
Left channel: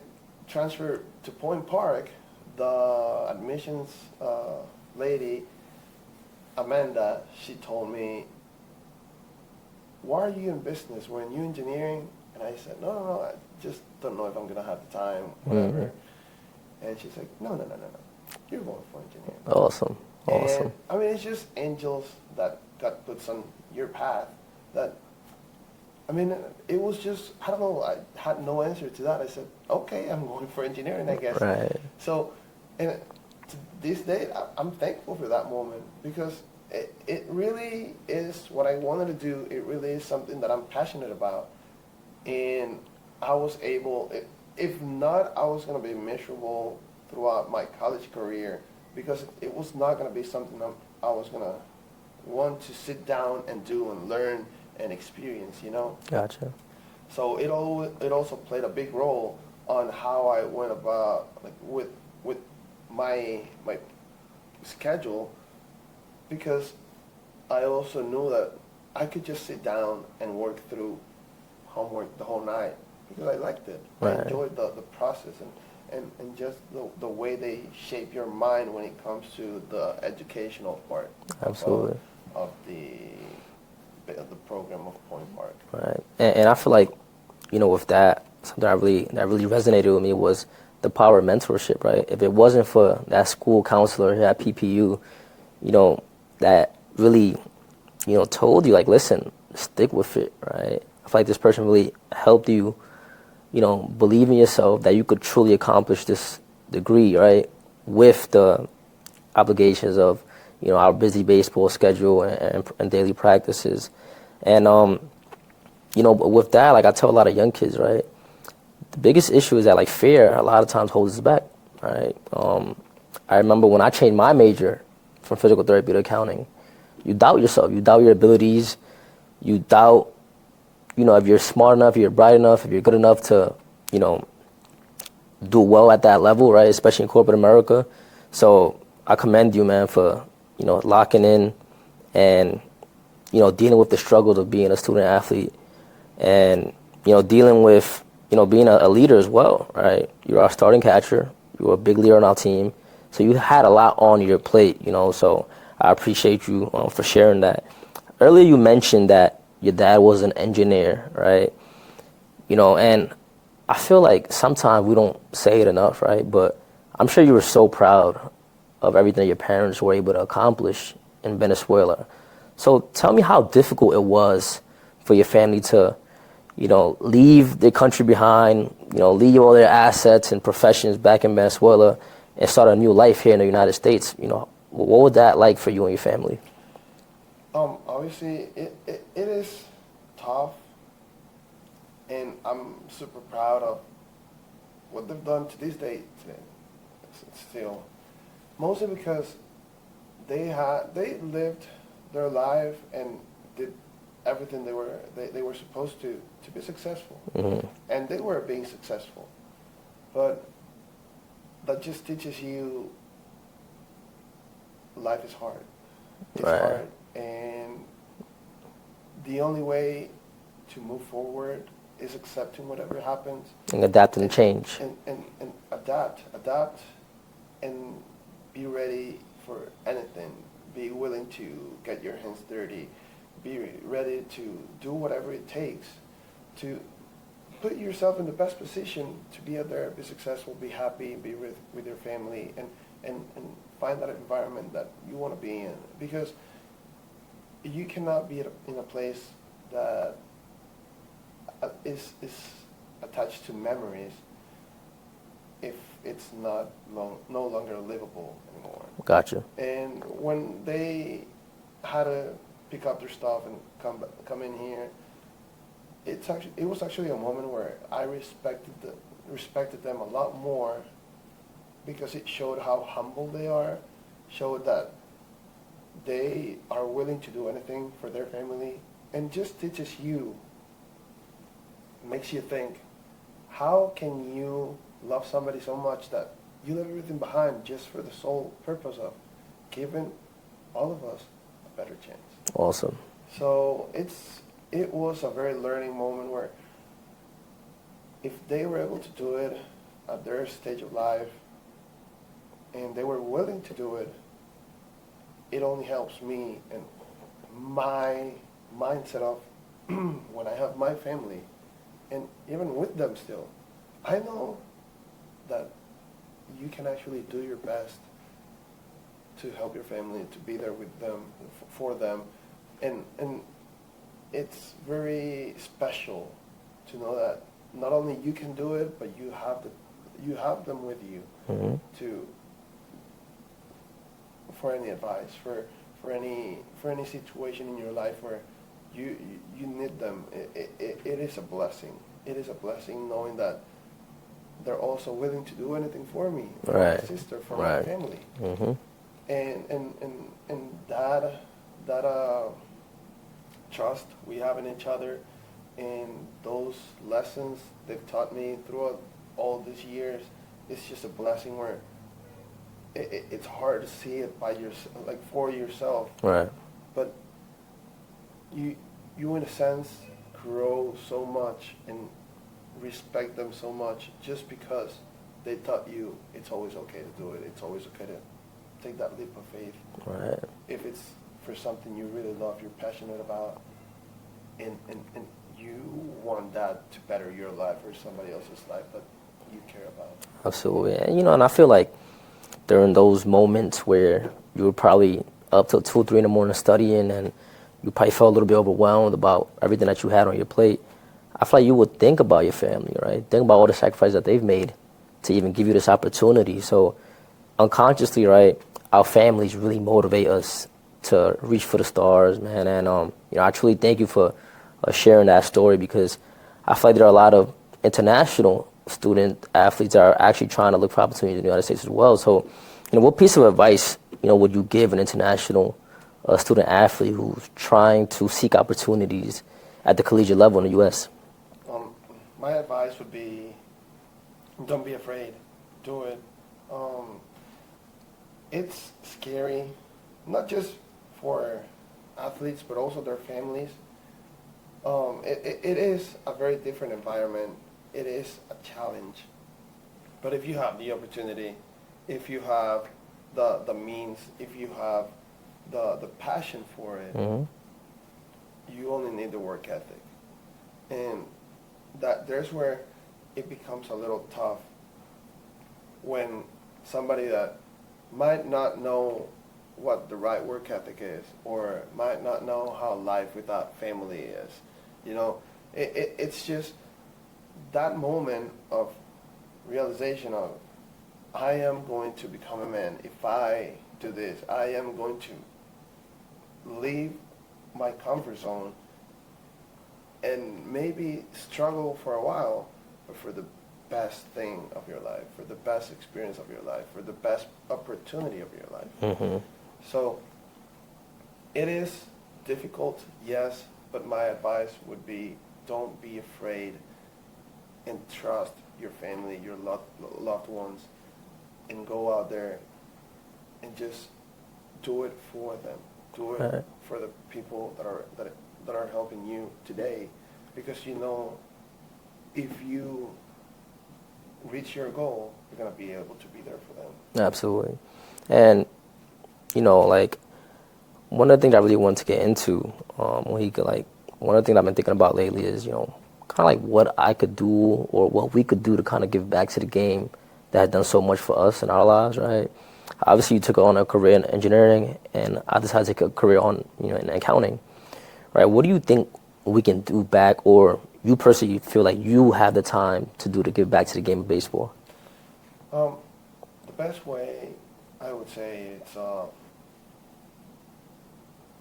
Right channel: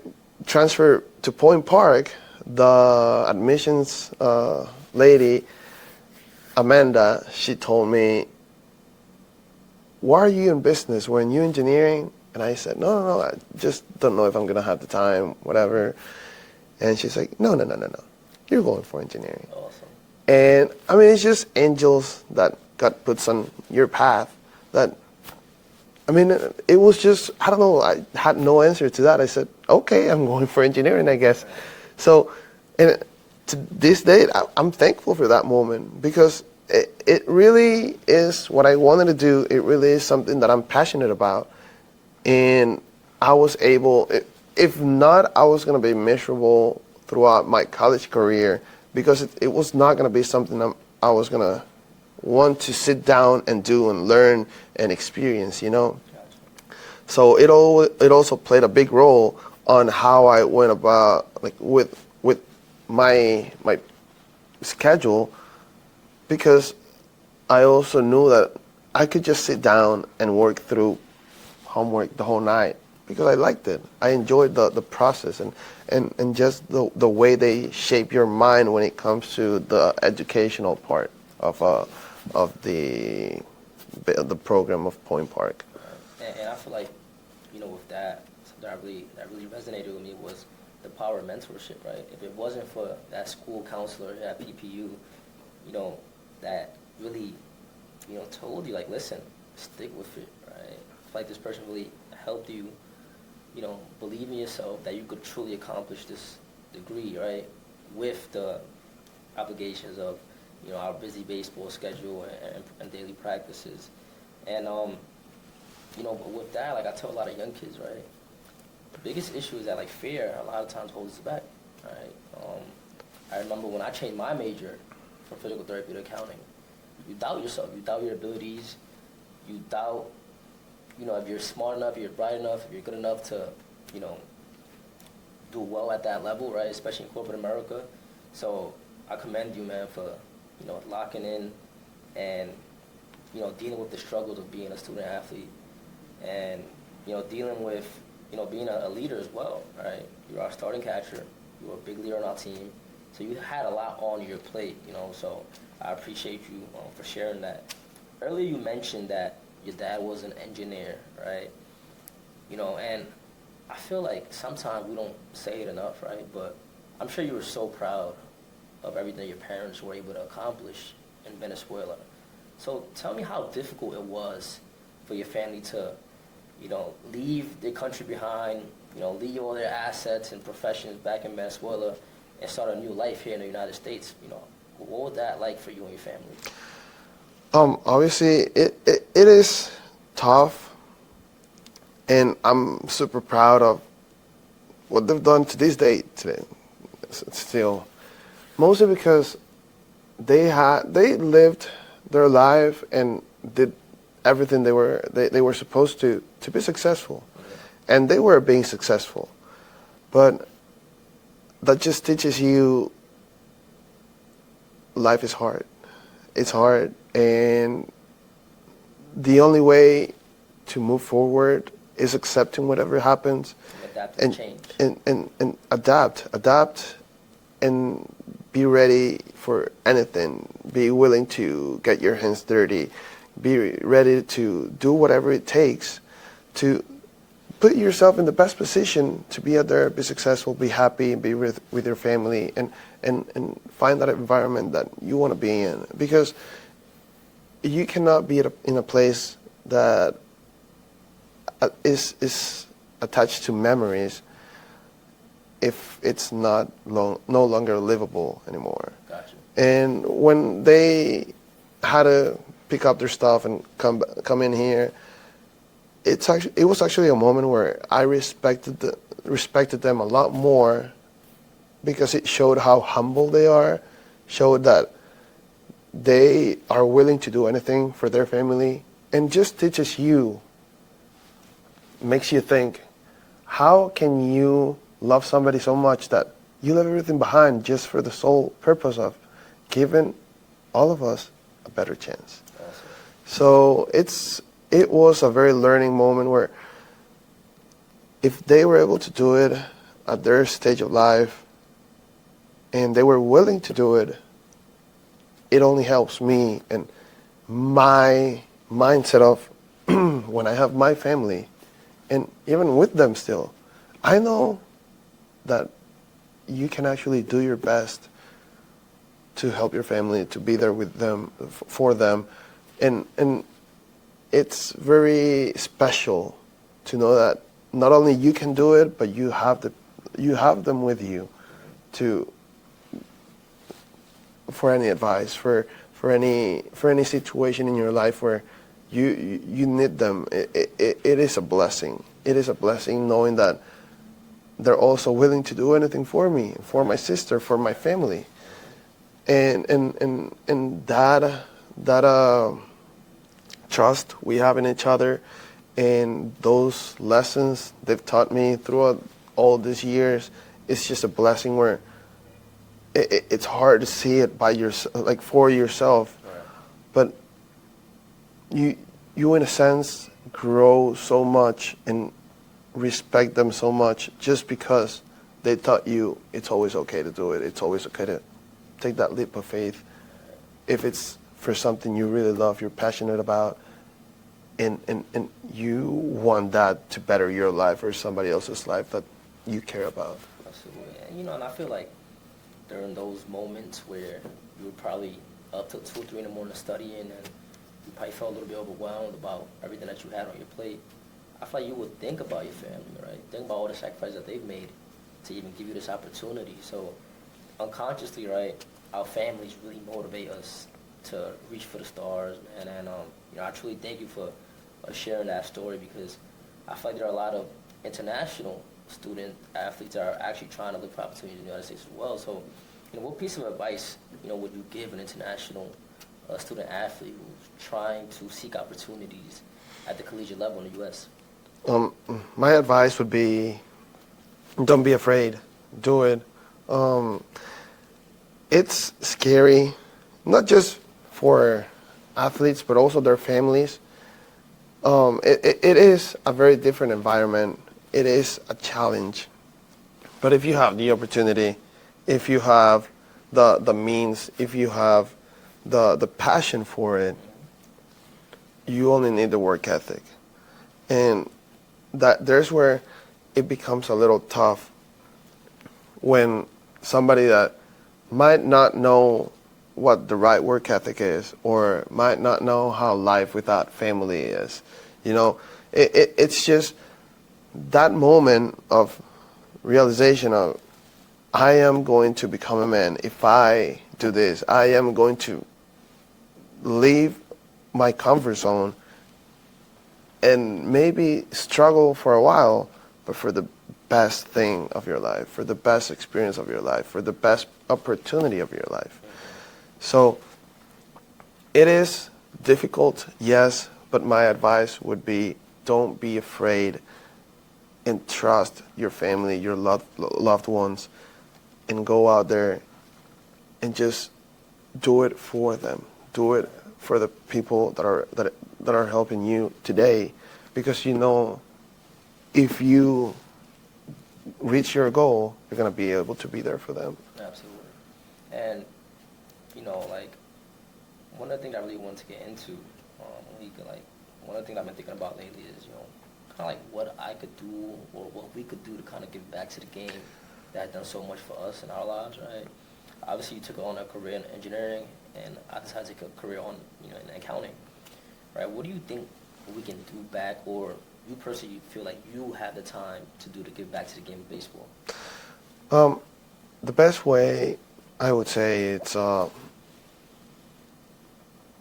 transferred to Point Park, the admissions lady, Amanda, she told me, "Why are you in business? Weren't you engineering?" And I said, no, I just don't know if I'm going to have the time, whatever. And she's like, no, you're going for engineering. Awesome. And I mean, it's just angels that God puts on your path that, I mean, it was just, I don't know, I had no answer to that. I said, okay, I'm going for engineering, I guess. Right. So, and to this day, I'm thankful for that moment, because it really is what I wanted to do. It really is something that I'm passionate about. And I was able, if not, I was going to be miserable throughout my college career, because it was not going to be something I was going to want to sit down and do and learn and experience, Gotcha. So it also played a big role on how I went about, like, with my schedule, because I also knew that I could just sit down and work through homework the whole night, because I liked it. Right. I enjoyed the process and just the way they shape your mind when it comes to the educational part of the program of Point Park. Right. And I feel like, with that, something that really resonated with me was the power of mentorship, right? If it wasn't for that school counselor here at PPU, that really, told you, like, listen, stick with it, right? I feel like this person really helped you, believe in yourself that you could truly accomplish this degree, right? With the obligations of, our busy baseball schedule and daily practices. And, with that, like, I tell a lot of young kids, right? The biggest issue is that, like, fear a lot of times holds us back, right? I remember when I changed my major from physical therapy to accounting, you doubt yourself, you doubt your abilities, you doubt, if you're smart enough, if you're bright enough, if you're good enough to, do well at that level, right? Especially in corporate America. So I commend you, man, for, locking in and, dealing with the struggles of being a student athlete and, dealing with, being a leader as well, right? You're our starting catcher. You were a big leader on our team. So you had a lot on your plate, so I appreciate you for sharing that. Earlier you mentioned that your dad was an engineer, right? And I feel like sometimes we don't say it enough, right? But I'm sure you were so proud of everything your parents were able to accomplish in Venezuela. So tell me how difficult it was for your family to, leave their country behind, leave all their assets and professions back in Venezuela and start a new life here in the United States. What was that like for you and your family? Obviously, it is tough, and I'm super proud of what they've done to this day today. Still, mostly because they lived their life and did everything they were supposed to be successful, and they were being successful. But that just teaches you life is hard. It's hard, and the only way to move forward is accepting whatever happens And adapt and change. and adapt and be ready for anything. Be willing to get your hands dirty. Be ready to do whatever it takes to put yourself in the best position to be out there, be successful, be happy, and be with your family, and find that environment that you want to be in. Because you cannot be in a place that is attached to memories if it's no longer livable anymore. Gotcha. And when they had to pick up their stuff and come in here, it was actually a moment where I respected them a lot more, because it showed how humble they are, showed that they are willing to do anything for their family, and just teaches you, makes you think, how can you love somebody so much that you leave everything behind just for the sole purpose of giving all of us a better chance? Awesome. So it was a very learning moment where if they were able to do it at their stage of life and they were willing to do it, it only helps me and my mindset of when I have my family, and even with them still, I know that you can actually do your best to help your family, to be there with them, for them, and it's very special to know that not only you can do it, but you have them with you for any advice, for any situation in your life where you need them. It is a blessing. It is a blessing knowing that they're also willing to do anything for me, for my sister, for my family, and that trust we have in each other, and those lessons they've taught me throughout all these years. It's just a blessing where it's hard to see it by like for yourself, but you in a sense grow so much and respect them so much just because they taught you it's always okay to do it. It's always okay to take that leap of faith. If it's for something you really love, you're passionate about, and you want that to better your life or somebody else's life that you care about. Absolutely. And, and I feel like during those moments where you were probably up till 2 or 3 in the morning studying, and you probably felt a little bit overwhelmed about everything that you had on your plate, I feel like you would think about your family, right? Think about all the sacrifices that they've made to even give you this opportunity. So unconsciously, right, our families really motivate us to reach for the stars, man. And I truly thank you for sharing that story, because I feel like there are a lot of international student athletes that are actually trying to look for opportunities in the United States as well. So, what piece of advice, would you give an international student athlete who's trying to seek opportunities at the collegiate level in the U.S.? My advice would be, don't be afraid. Do it. It's scary, not just for athletes, but also their families. It is a very different environment. It is a challenge. But if you have the opportunity, if you have the means, if you have the passion for it, you only need the work ethic. And there's where it becomes a little tough when somebody that might not know what the right work ethic is, or might not know how life without family is. It's just that moment of realization of, I am going to become a man if I do this. I am going to leave my comfort zone and maybe struggle for a while, but for the best thing of your life, for the best experience of your life, for the best opportunity of your life. Mm-hmm. So it is difficult, yes, but my advice would be, don't be afraid and trust your family, your loved ones, and go out there and just do it for them. Do it Right. for the people that are helping you today, because you know, if you reach your goal, you're gonna be able to be there for them. Absolutely. And, like, one of the things I really want to get into, one of the things I've been thinking about lately is, kind of like what I could do or what we could do to kind of give back to the game that has done so much for us in our lives, right? Obviously, you took on a career in engineering, and I decided to take a career in accounting, right? What do you think we can do back, or you personally feel like you have the time to do to give back to the game of baseball? The best way, I would say, it's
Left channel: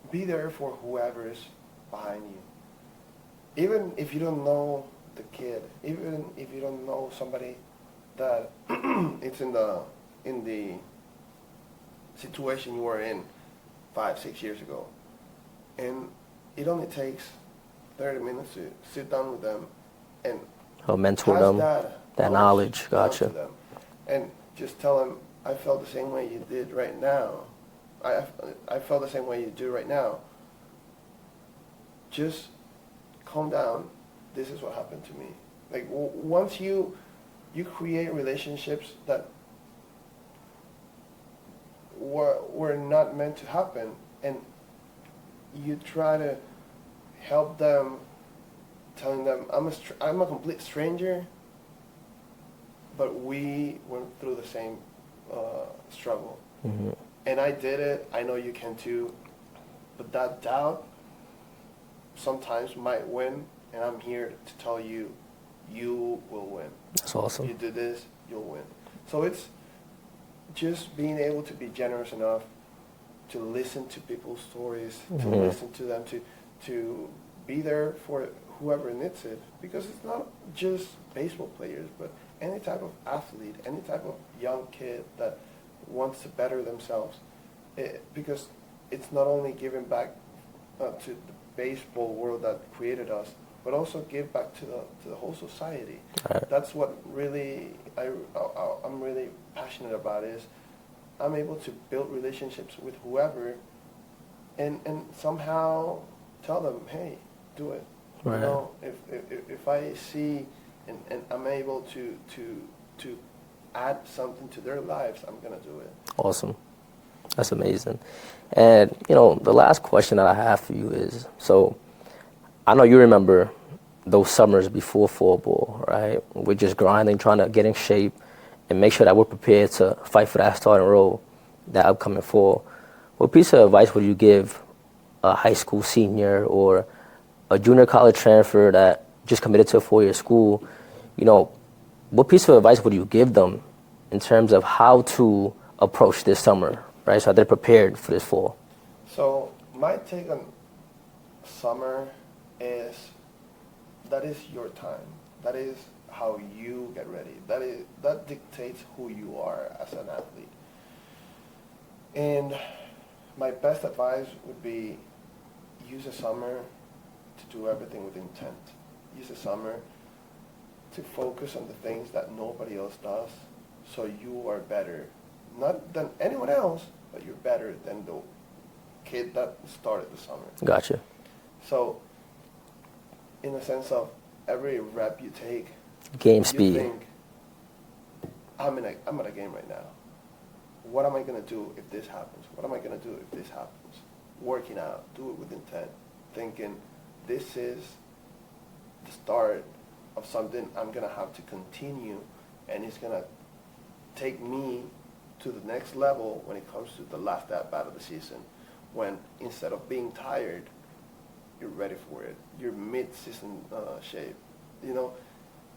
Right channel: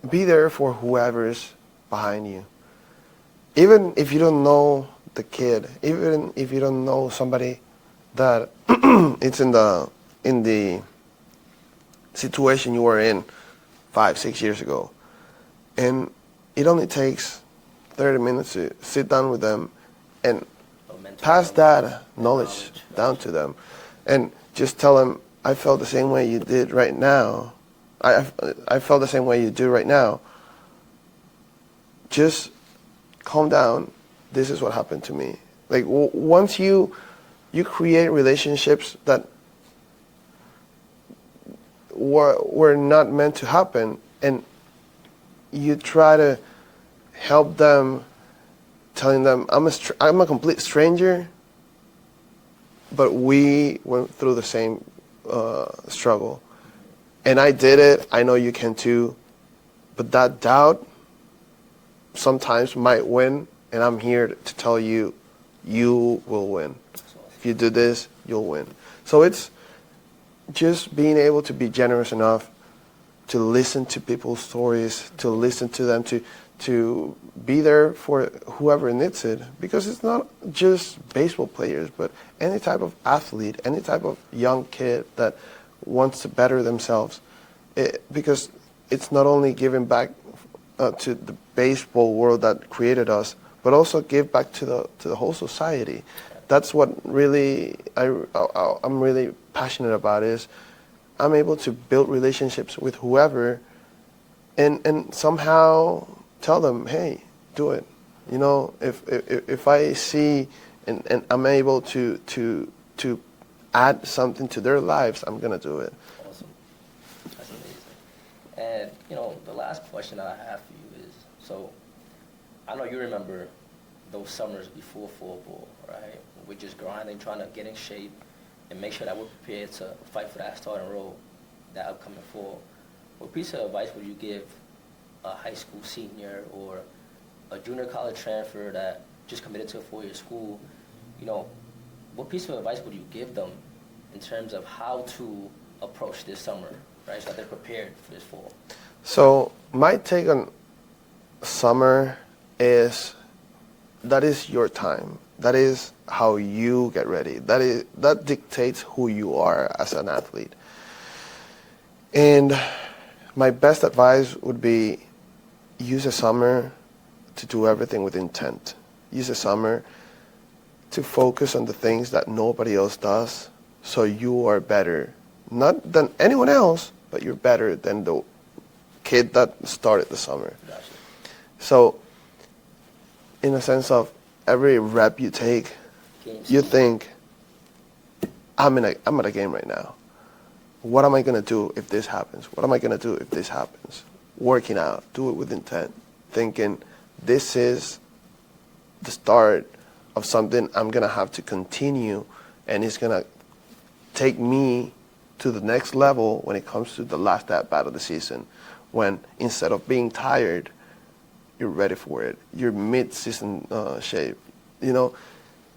be there for whoever's behind you. Even if you don't know the kid, even if you don't know somebody that it's in the situation you were in 5-6 years ago, and it only takes 30 minutes to sit down with them and Mentor pass them, that knowledge. down Gotcha. to them, and just tell them, I felt the same way you did right now. I felt the same way you do right now. Just calm down. This is what happened to me. Like, once you create relationships that were not meant to happen, and you try to help them, telling them, I'm a complete stranger, but we went through the same struggle. Mm-hmm. And I did it. I know you can too. But that doubt sometimes might win, and I'm here to tell you, you will win. That's awesome. If you do this, you'll win. So it's just being able to be generous enough to listen to people's stories, to Mm-hmm. listen to them, to be there for whoever needs it. Because it's not just baseball players, but any type of athlete, any type of young kid that wants to better themselves. Because it's not only giving back to the baseball world that created us, but also give back to the whole society. Right. That's what really I'm really passionate about, is I'm able to build relationships with whoever, and somehow tell them, hey, do it. Right. You know, if I see and I'm able to add something to their lives, I'm gonna do it. Awesome. That's amazing. And, the last question that I have for you is, so I know you remember those summers before fall ball, right? We're just grinding, trying to get in shape and make sure that we're prepared to fight for that starting role that upcoming fall. What piece of advice would you give a high school senior or a junior college transfer that just committed to a 4-year school? What piece of advice would you give them in terms of how to approach this summer, right? So they're prepared for this fall. So my take on summer is, that is your time. That is how you get ready. That dictates who you are as an athlete. And my best advice would be, use the summer to do everything with intent. Use the summer to focus on the things that nobody else does, so you are better, not than anyone else, but you're better than the kid that started the summer. Gotcha. So, in a sense of every rep you take, Game speed. you think, I'm at a game right now. What am I gonna do if this happens? What am I gonna do if this happens? Working out, do it with intent, thinking this is the start of something I'm gonna have to continue, and it's gonna take me to the next level when it comes to the last at bat of the season, when instead of being tired, you're ready for it. You're mid-season shape, you know.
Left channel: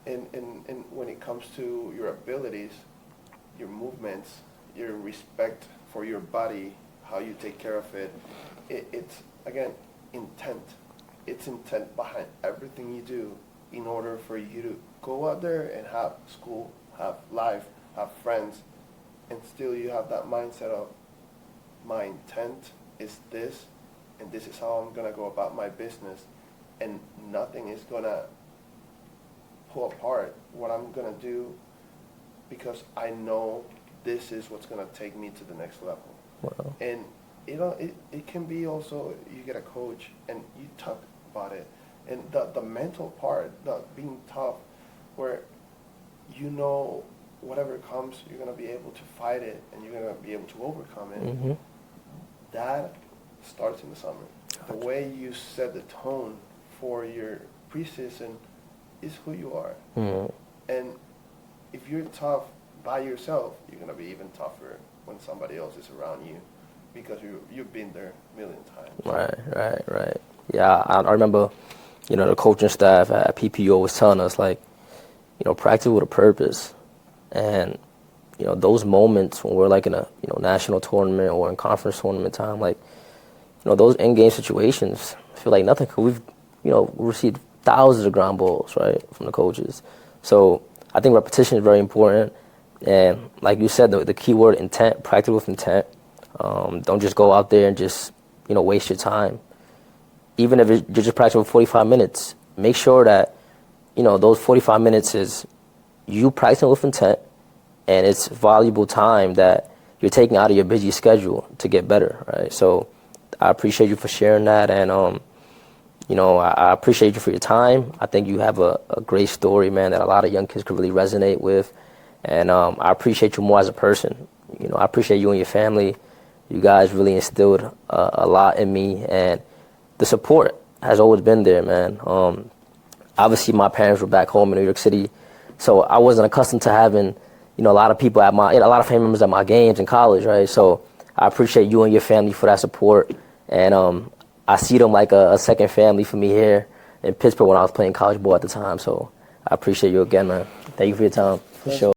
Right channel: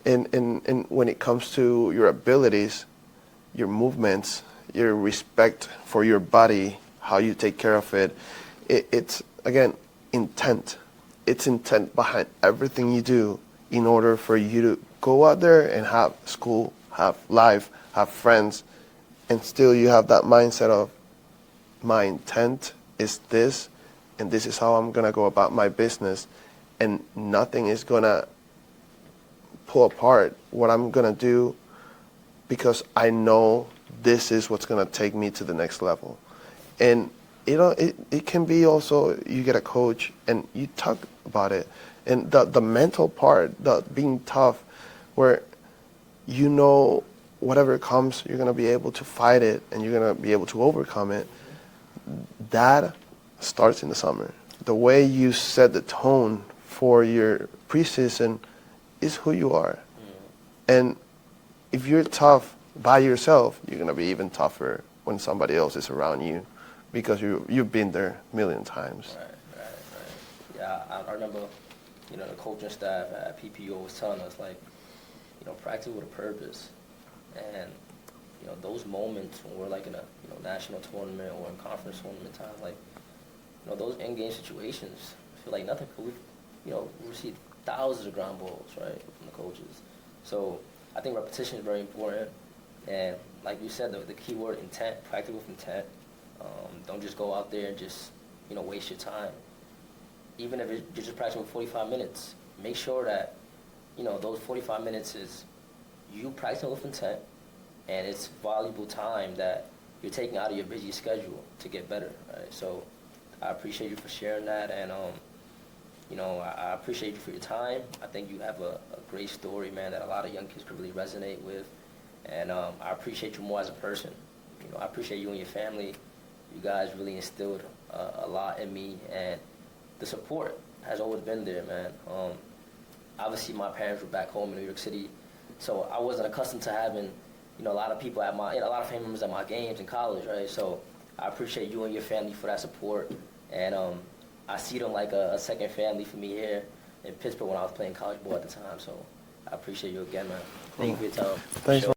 And when it comes to your abilities, your movements, your respect for your body, how you take care of it, it's, again, intent. It's intent behind everything you do in order for you to go out there and have school, have life, have friends, and still you have that mindset of, my intent is this, and this is how I'm going to go about my business, and nothing is going to pull apart what I'm going to do, because I know this is what's going to take me to the next level. Wow. And you know, it can be also, you get a coach and you talk about it, and the mental part, the being tough, where you know whatever comes, you're going to be able to fight it and you're going to be able to overcome it. Mm-hmm. That starts in the summer. The way you set the tone for your preseason is who you are. Mm-hmm. And if you're tough by yourself, you're going to be even tougher when somebody else is around you, because you've been there a million times. Right. Yeah, I remember, you know, the coaching staff at PPO was telling us, like, you know, practice with a purpose. And, you know, those moments when we're like in a, you know, national tournament or in conference tournament time, like, you know, those in-game situations feel like nothing, because we've, you know, received thousands of ground balls, right, from the coaches. So I think repetition is very important. And like you said, the key word, intent, practice with intent. Don't just go out there and just, you know, waste your time. Even if you're just practicing for 45 minutes, make sure that, you know, those 45 minutes is you practicing with intent, and it's valuable time that you're taking out of your busy schedule to get better, right? So I appreciate you for sharing that, and you know, I appreciate you for your time. I think you have a great story, man, that a lot of young kids could really resonate with, and I appreciate you more as a person. You know, I appreciate you and your family. You guys really instilled a lot in me, and the support has always been there, man. Obviously, my parents were back home in New York City, so I wasn't accustomed to having, you know, a lot of people a lot of family members at my games in college, right? So I appreciate you and your family for that support, and I see them like a second family for me here in Pittsburgh when I was playing college ball at the time. So I appreciate you again, man. Thank you for your time. For sure.